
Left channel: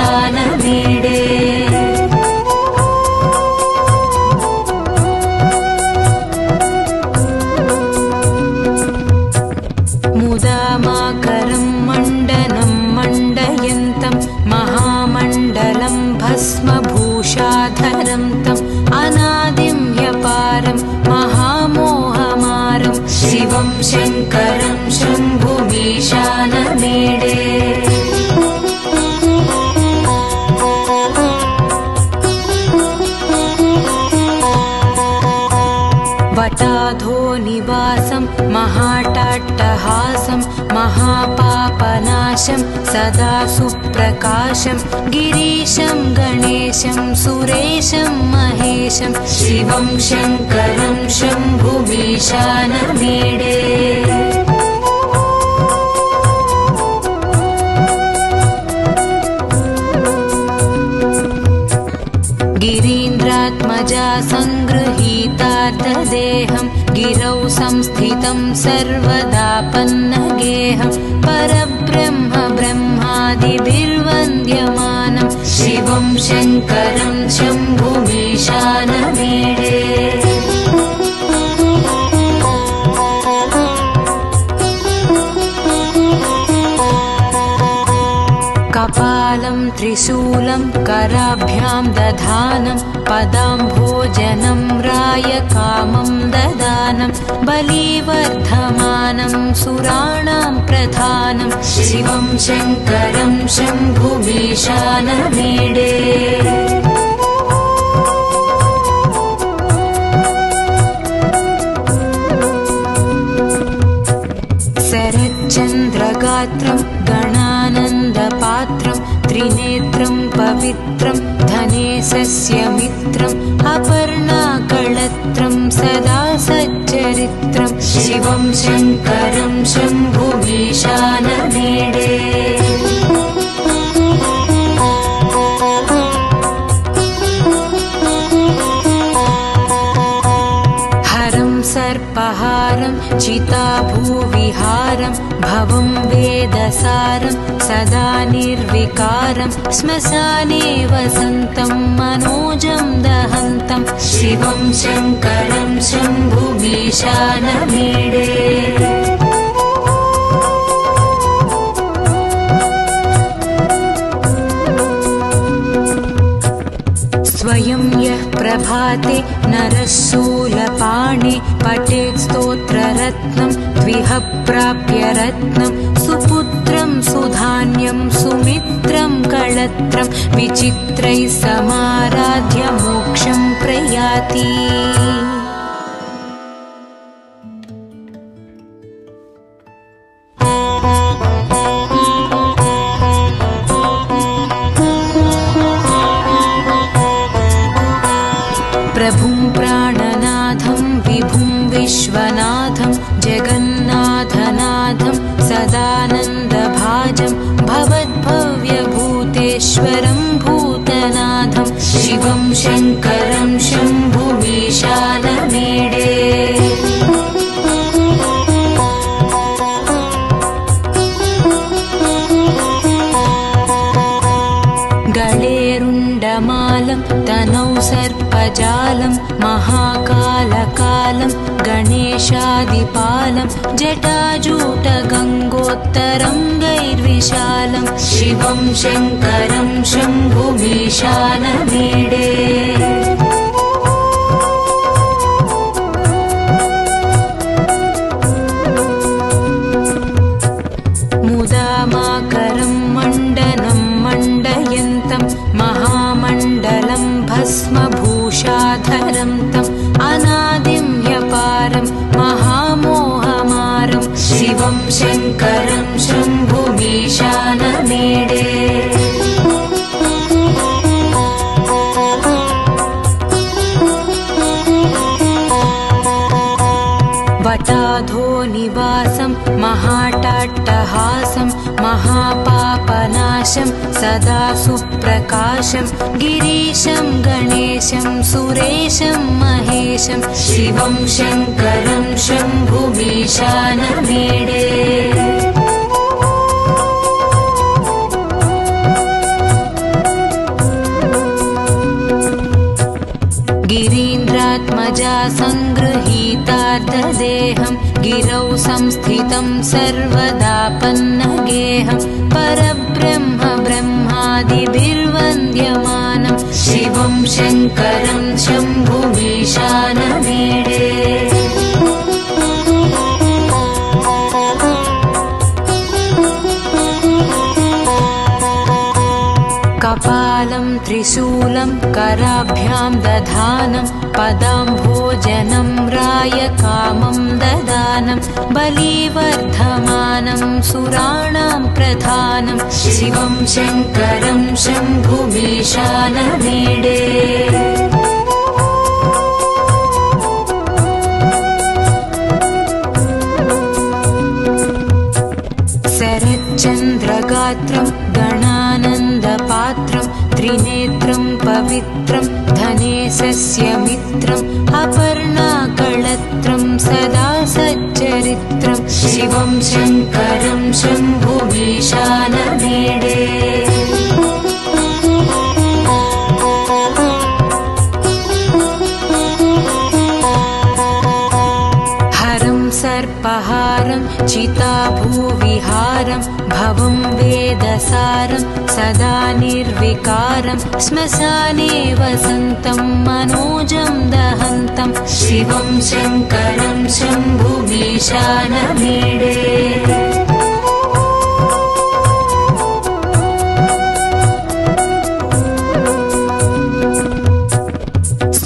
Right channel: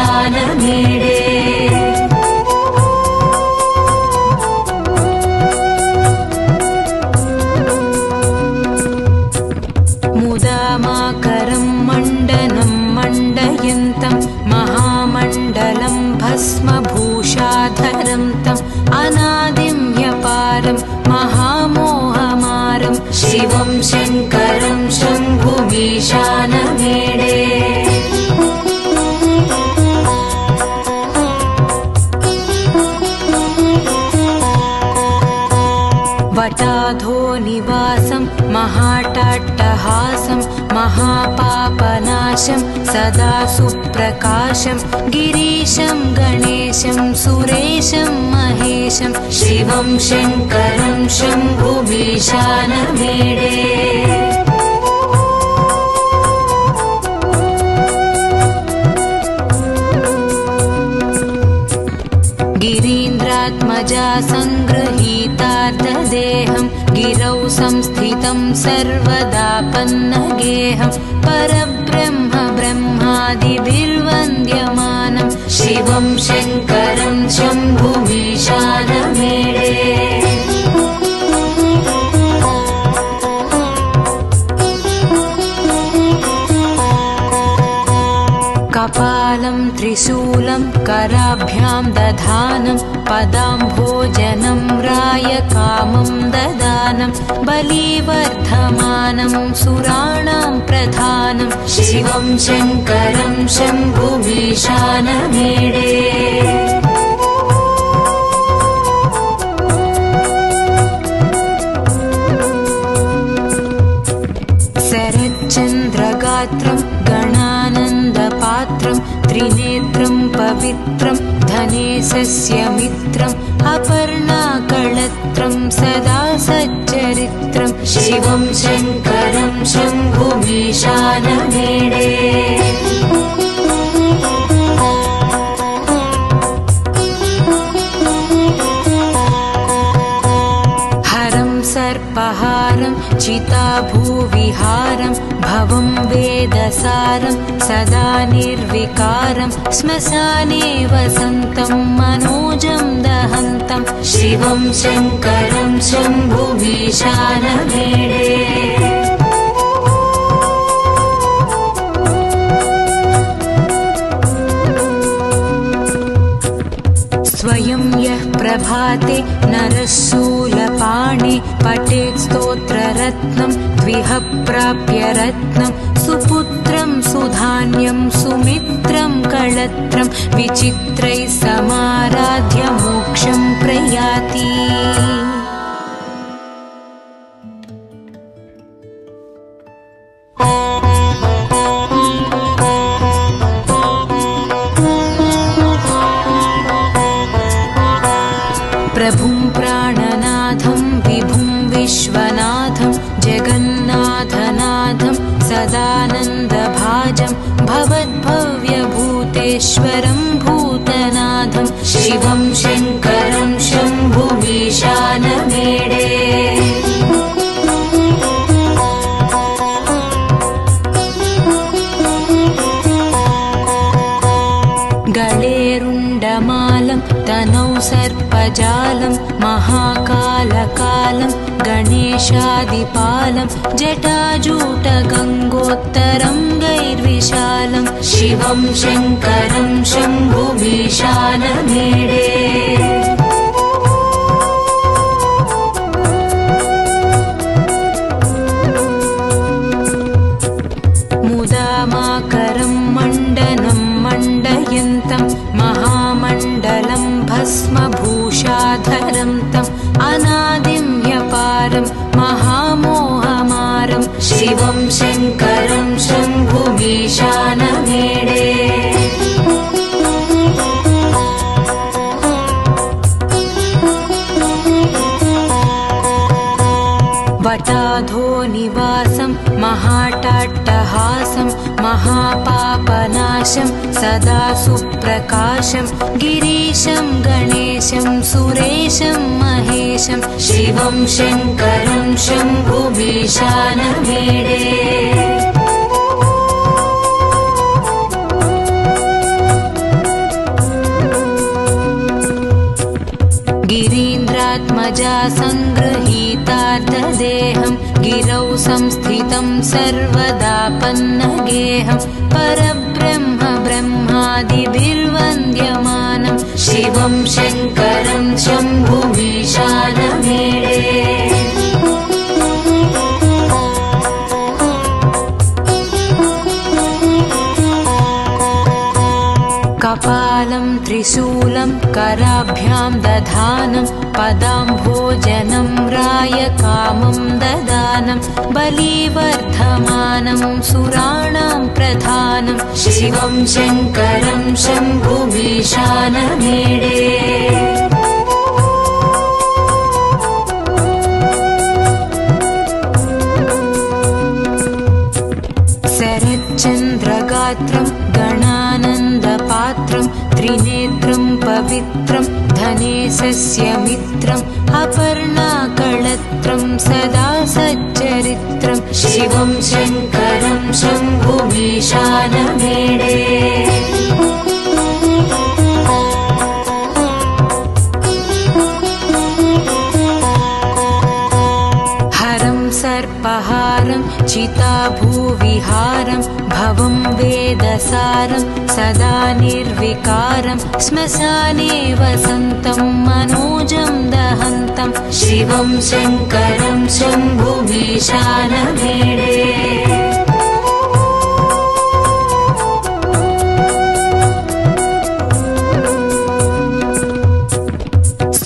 मुदामाकरं मण्डनं मण्डयन्तं महामण्डलं भस्मभूषाधरं तम् अनादिं ह्यपारं महामोहमारं शिवं शङ्करं शम्भुमीशानमीडे वटाधो निवासं महाटाट्टहासं महापापनाशं सदा सुप्रकाशं गिरीशं गणेशं सुरेशं महेशं शिवं शङ्करं शम्भुमीशानमीडे गिरीन्द्रात्मजा सङ्गृहीतार्धदेहं गिरौ संस्थितं सर्वदापन्नगेहं परब्रह्म ब्रह्मादिभिर्वन्द्यमानं शिवं शङ्करं शम्भुमीशानमीडे कपालं त्रिशूलं कराभ्यां दधानं पदाम्भोजनं रायकामं ददानं बलिवर्धमानं सुराणां प्रधानं शिवं शङ्करं शम्भुमीशानमीडे शरच्चन्द्रगात्रं गणानन्दपात्रं त्रिनेत्रं पवित्रं धनेशस्य मित्रम् अपर्णाकळत्रं सदा सच्चरित्रं शिवं शङ्करं शम्भुमीशानमीडे सर्पहारं चिताभूविहारं भवं वेदसारं सदा निर्विकारं श्मशाने वसन्तं मनोजं दहन्तं शिवं शङ्करं शम्भुमीशानमीडे स्वयं यः प्रभाते नरशूलपाणे पठेत् स्तोत्ररत्नं द्विह प्राप्य रत्नं सुपुत्रं सुधान्यं सुमित्रं कळत्रं विचित्रैः समाराध्य मोक्षं प्रयाति प्रभुं प्राणनाथं विभुं विश्वनाथं जगन्नाथनाथं सदानन्दभाजं भवद्भव्यभूतेश्वरं भूतनाथं शिवं शङ्करं शम्भुमीशानमीडे गळेरुण्डमालं तनौ सर्पजालं महाकालकालं गणेशादिपालं जटाजूटगङ्गोत्तरं गैर्विशालं शिवं शङ्करं शम्भुमीशानमीडे मुदामाकरं मण्डनं मण्डयन्तं महामण्डलं भस्मभूषाधरं तम् अनादिं ह्यपारं महामोहमारं शिवं शङ्करं शम्भुमीशानमीडे वटाधो निवासं महाटाट्टहासं महापापनाशं सदा सुप्रकाशं गिरीशं गणेशं सुरेशं महेशं शिवं शङ्करं शम्भुमीशानमीडे गिरीन्द्रात्मजा सङ्गृहीतार्धदेहं गिरौ संस्थितं सर्वदापन्नगेहं परब्रह्म ब्रह्मादिभिर्वन्द्यमानं शिवं शङ्करं शम्भुमीशानमीडे कपालं त्रिशूलं कराभ्यां दधानं पदाम्भोजनं रायकामं ददानं बलिवर्धमानं सुराणां प्रधानं शिवं शङ्करं शम्भुमीशानमीडे शरच्चन्द्रगात्रं गणानन्दपात्रं त्रिनेत्रं पवित्रं धनेशस्य मित्रम् अपर्णाकळत्रं सदा सच्चरित्रं शिवं शङ्करं शम्भुमीशानमीडे हरं सर्पहारं चिताभूविहारं भवं वेदसारं सदा निर्विकारं श्मशाने वसन्तं मनोजं दहन्तं शिवं शङ्करं शम्भुमीशानमीडे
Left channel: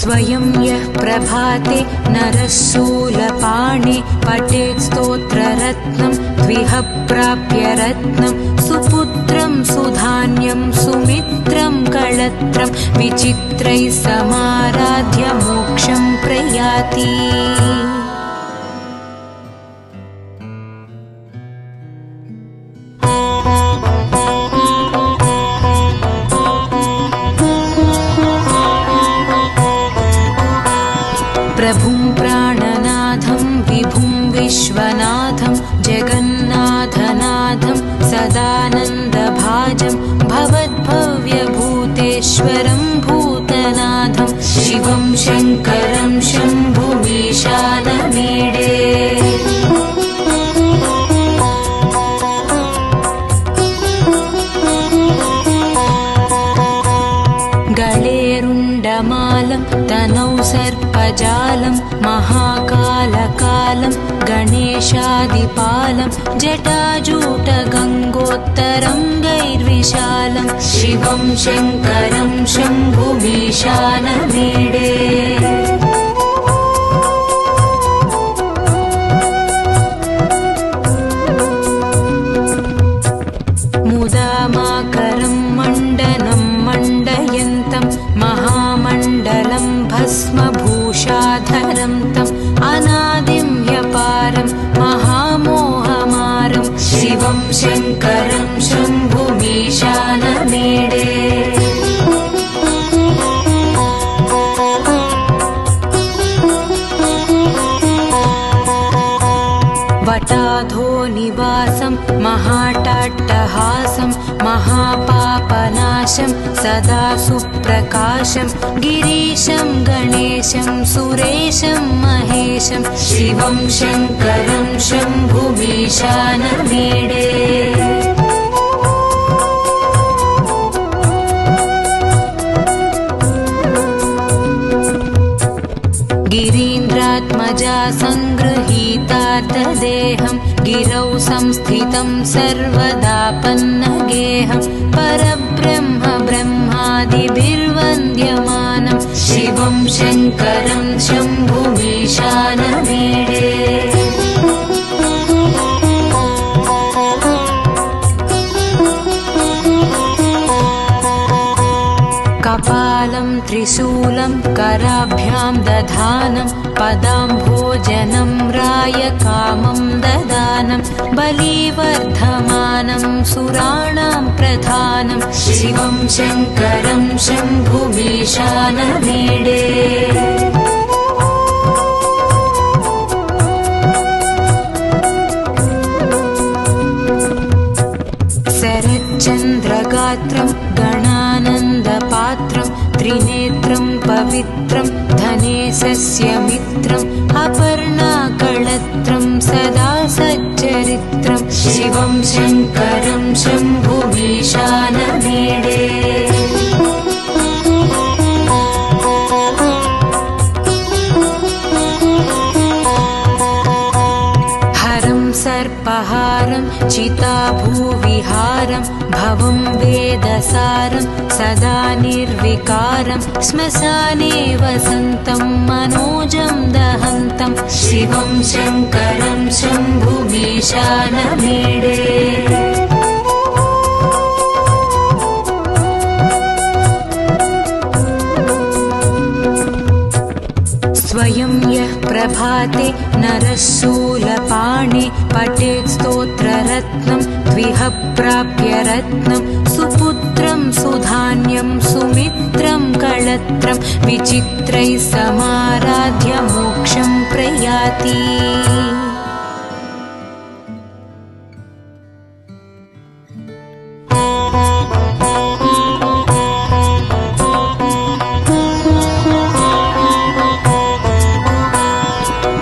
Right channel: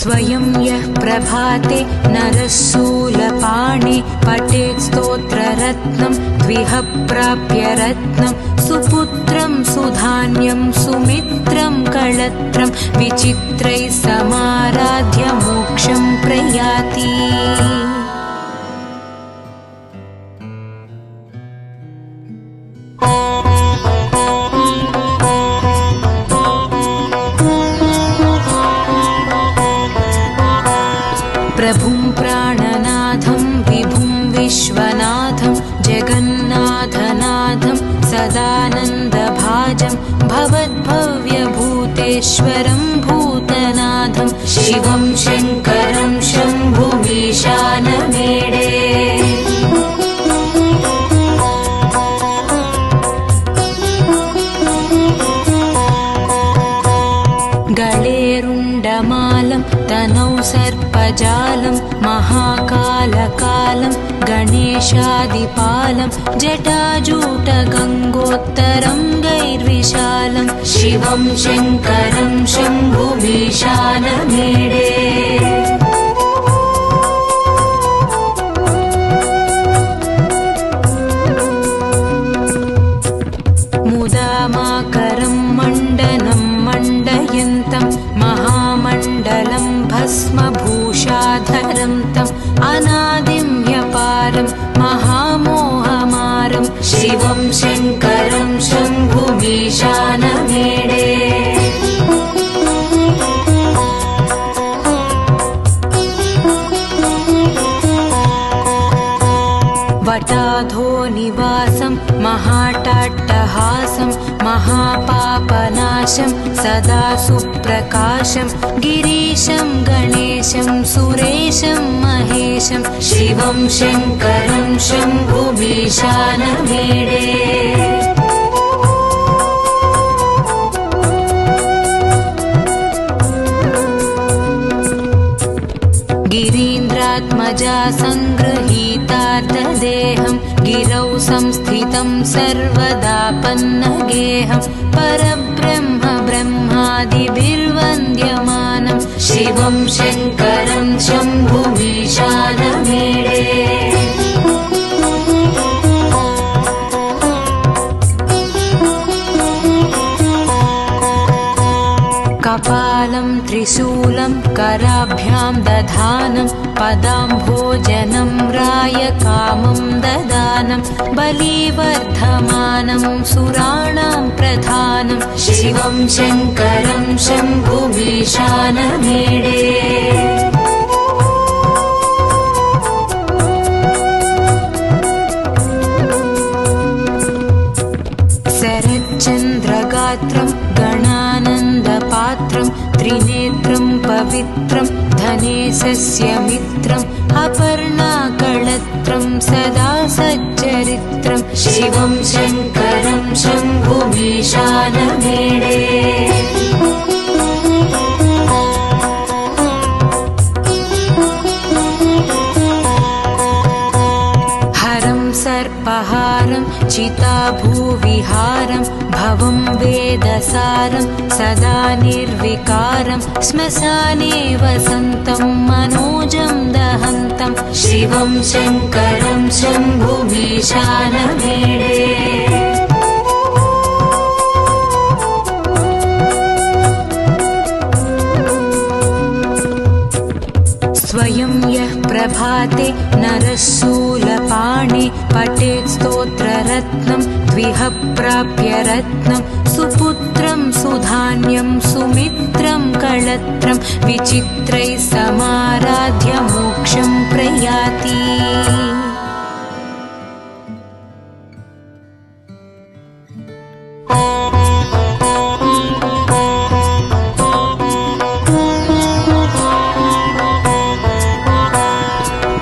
स्वयं यः प्रभाते नरः शूलपाणे पठेत् स्तोत्ररत्नं द्विह प्राप्य रत्नं सुपुत्रं सुधान्यं सुमित्रं कळत्रं विचित्रैः समाराध्य मोक्षं प्रयाति प्रभुं प्राणनाथं विभुं विश्वनाथं जगन्नाथनाथं सदानन्दभाजं भवद्भव्यभूतेश्वरं भूतनाथं शिवं शङ्करं शम्भुमीशानमीडे गळेरुण्डमालं तनौ सर्पजालं महाकालकालं गणेशादिपालं जटाजूटगङ्गोत्तरङ्गैर्विशालं शिवं शङ्करं शम्भुमीशानमीडे मुदामाकरं मण्डनं मण्डयन्तं महामण्डलं भस्मभूषाधरं तम् अनादिं व्यपारं महामोहमारं शिवं शङ्करं शम्भुमीशानमीडे वटाधो निवासं महाटाट्टहासं महापापनाशं सदा सुप्रकाशं गिरीशं गणेशं सुरेशं महेशं शिवं शङ्करं शम्भुमीशानमीडे गिरीन्द्रात्मजा सङ्गृहीतार्धदेहं गिरौ संस्थितं सर्वदापन्नगेहं परब्रह्म ब्रह्मादिभिर्वन्द्यमानं शिवं शङ्करं शम्भुमीशानमीडे कपालं त्रिशूलं कराभ्यां दधानं पदाम्भोजनं रायकामं ददानं बलिवर्धमानं सुराणां प्रधानं शिवं शङ्करं शम्भुमीशानमीडे शरच्चन्द्रगात्रं गणानन्दपात्रं त्रिनेत्रं पवित्रं धनेशस्य मित्रम् अपर्णाकळत्रं सदा सच्चरित्रं शिवं शङ्करं शम्भुमीशानमीडे हरं सर्पहारं चिताभूविहारं भवं वेदसारं सदा निर्विकारं श्मशाने वसन्तं मनोजं दहन्तं शिवं शङ्करं शम्भुमीशानमीडे। स्वयं यः प्रभाते नरः शूलपाणे पठेत् स्तोत्ररत्नं द्विह प्राप्य रत्नं सुपुत्रं सुधान्यं सुमित्रं कळत्रं विचित्रैः समाराध्य मोक्षं प्रयाति।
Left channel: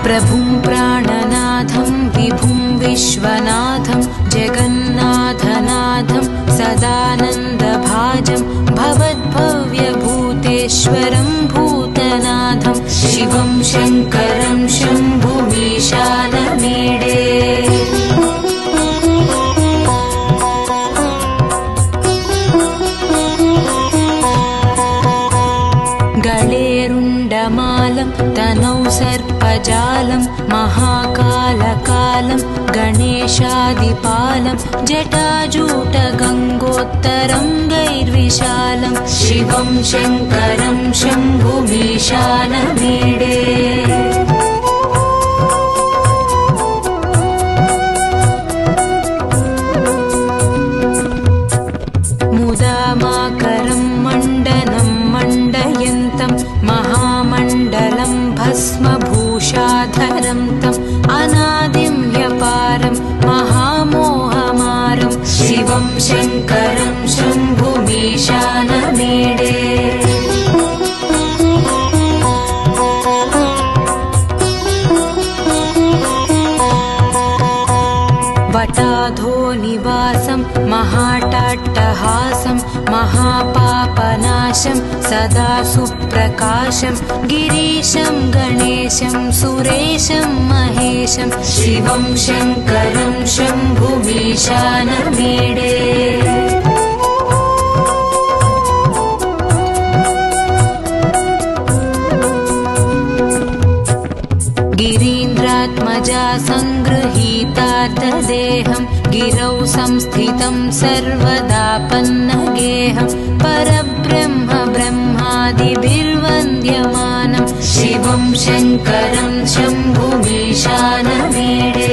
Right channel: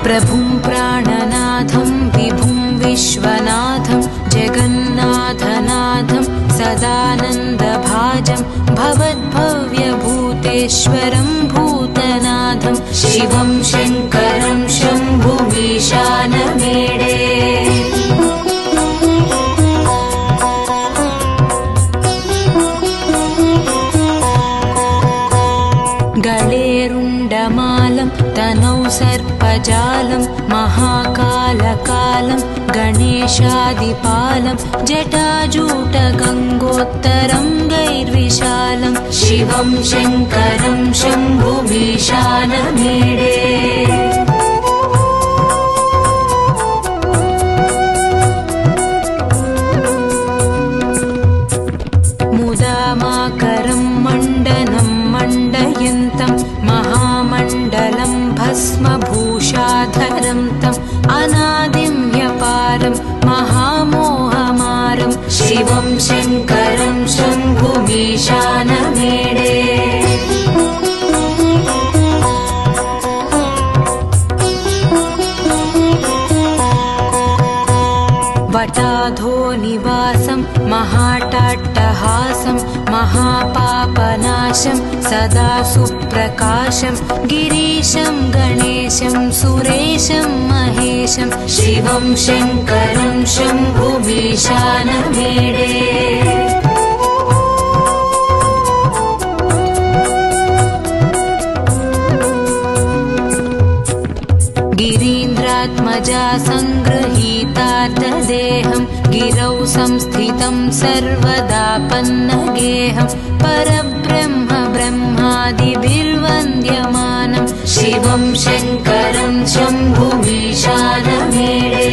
प्रभुं प्राणनाथं विभुं विश्वनाथं जगन्नाथनाथं सदानन्दभाजं भवद्भव्यभूतेश्वरं भूतनाथं शिवं शङ्करं शम्भुमीशानमीडे। गळेरुण्डमालं तनौ सर्पजालं महाकालकालं गणेशादिपालं जटाजूटगङ्गोत्तरं गैर्विशालं शिवं शङ्करं शम्भुमीशानमीडे। मुदामाकरं मण्डनं मण्डयन्तं महामण्डलं भस्मभूषाधरं तम् अनादिं ह्यपारं महामोहमारं शिवं शङ्करं शम्भुमीशानमीडे। वटाधो निवासं महाटाट्टहासं महापापनाशं सदा सुप्रकाशं गिरीशं गणेशं सुरेशं महेशं शिवं शङ्करं शम्भुमीशानमीडे। गिरीन्द्रात्मजा सङ्गृहीतार्धदेहं गिरौ संस्थितं सर्वदापन्नगेहं परब्रह्म ब्रह्मादिभिर्वन्द्यमानं शिवं शङ्करं शम्भुमीशानमीडे।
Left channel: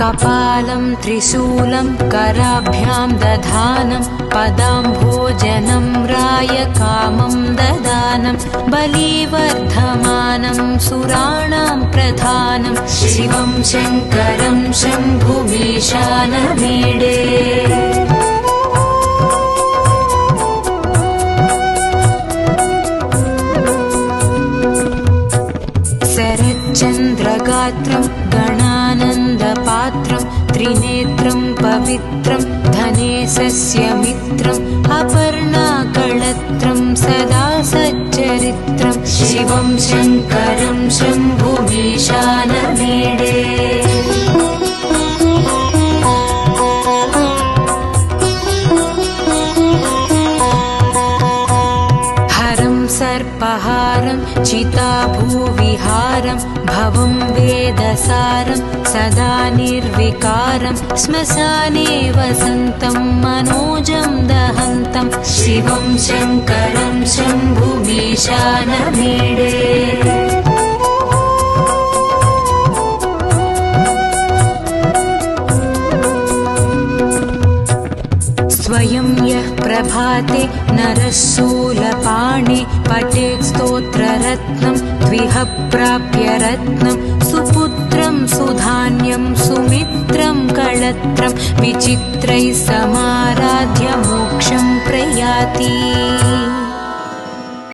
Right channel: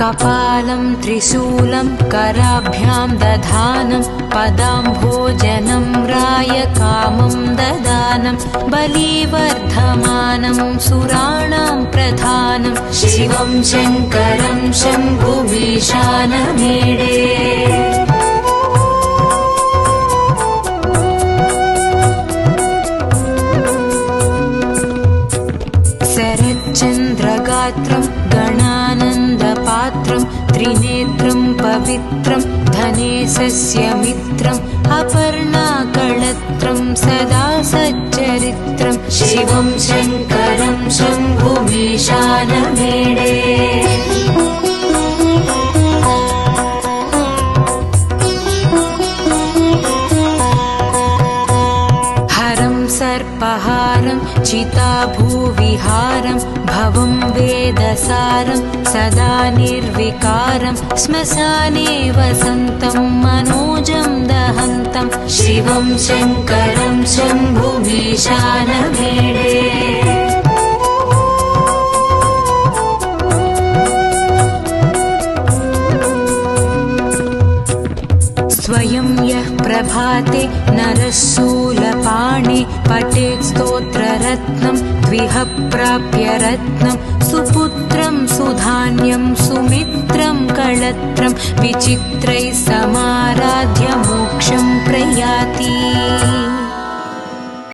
कपालं त्रिशूलं कराभ्यां दधानं पदाम्भोजनं रायकामं ददानं बलिवर्धमानं सुराणां प्रधानं शिवं शङ्करं शम्भुमीशानमीडे। शरच्चन्द्रगात्रं गणानन्दपात्रं त्रिनेत्रं पवित्रं धनेशस्य मित्रम् अपर्णाकळत्रं सदा सच्चरित्रं शिवं शङ्करं शम्भुमीशानमीडे। हरं सर्पहारं चिताभूविहारं भवं वेदसारं सदा निर्विकारं श्मशाने वसन्तं मनोजं दहन्तं शिवं शङ्करं शम्भुमीशानमीडे। स्वयं यः प्रभाते नरः शूलपाणे पठेत् स्तोत्ररत्नं द्विह प्राप्य रत्नं सुपुत्रं सुधान्यं सुमित्रं कळत्रं विचित्रैः समाराध्य मोक्षं प्रयाति।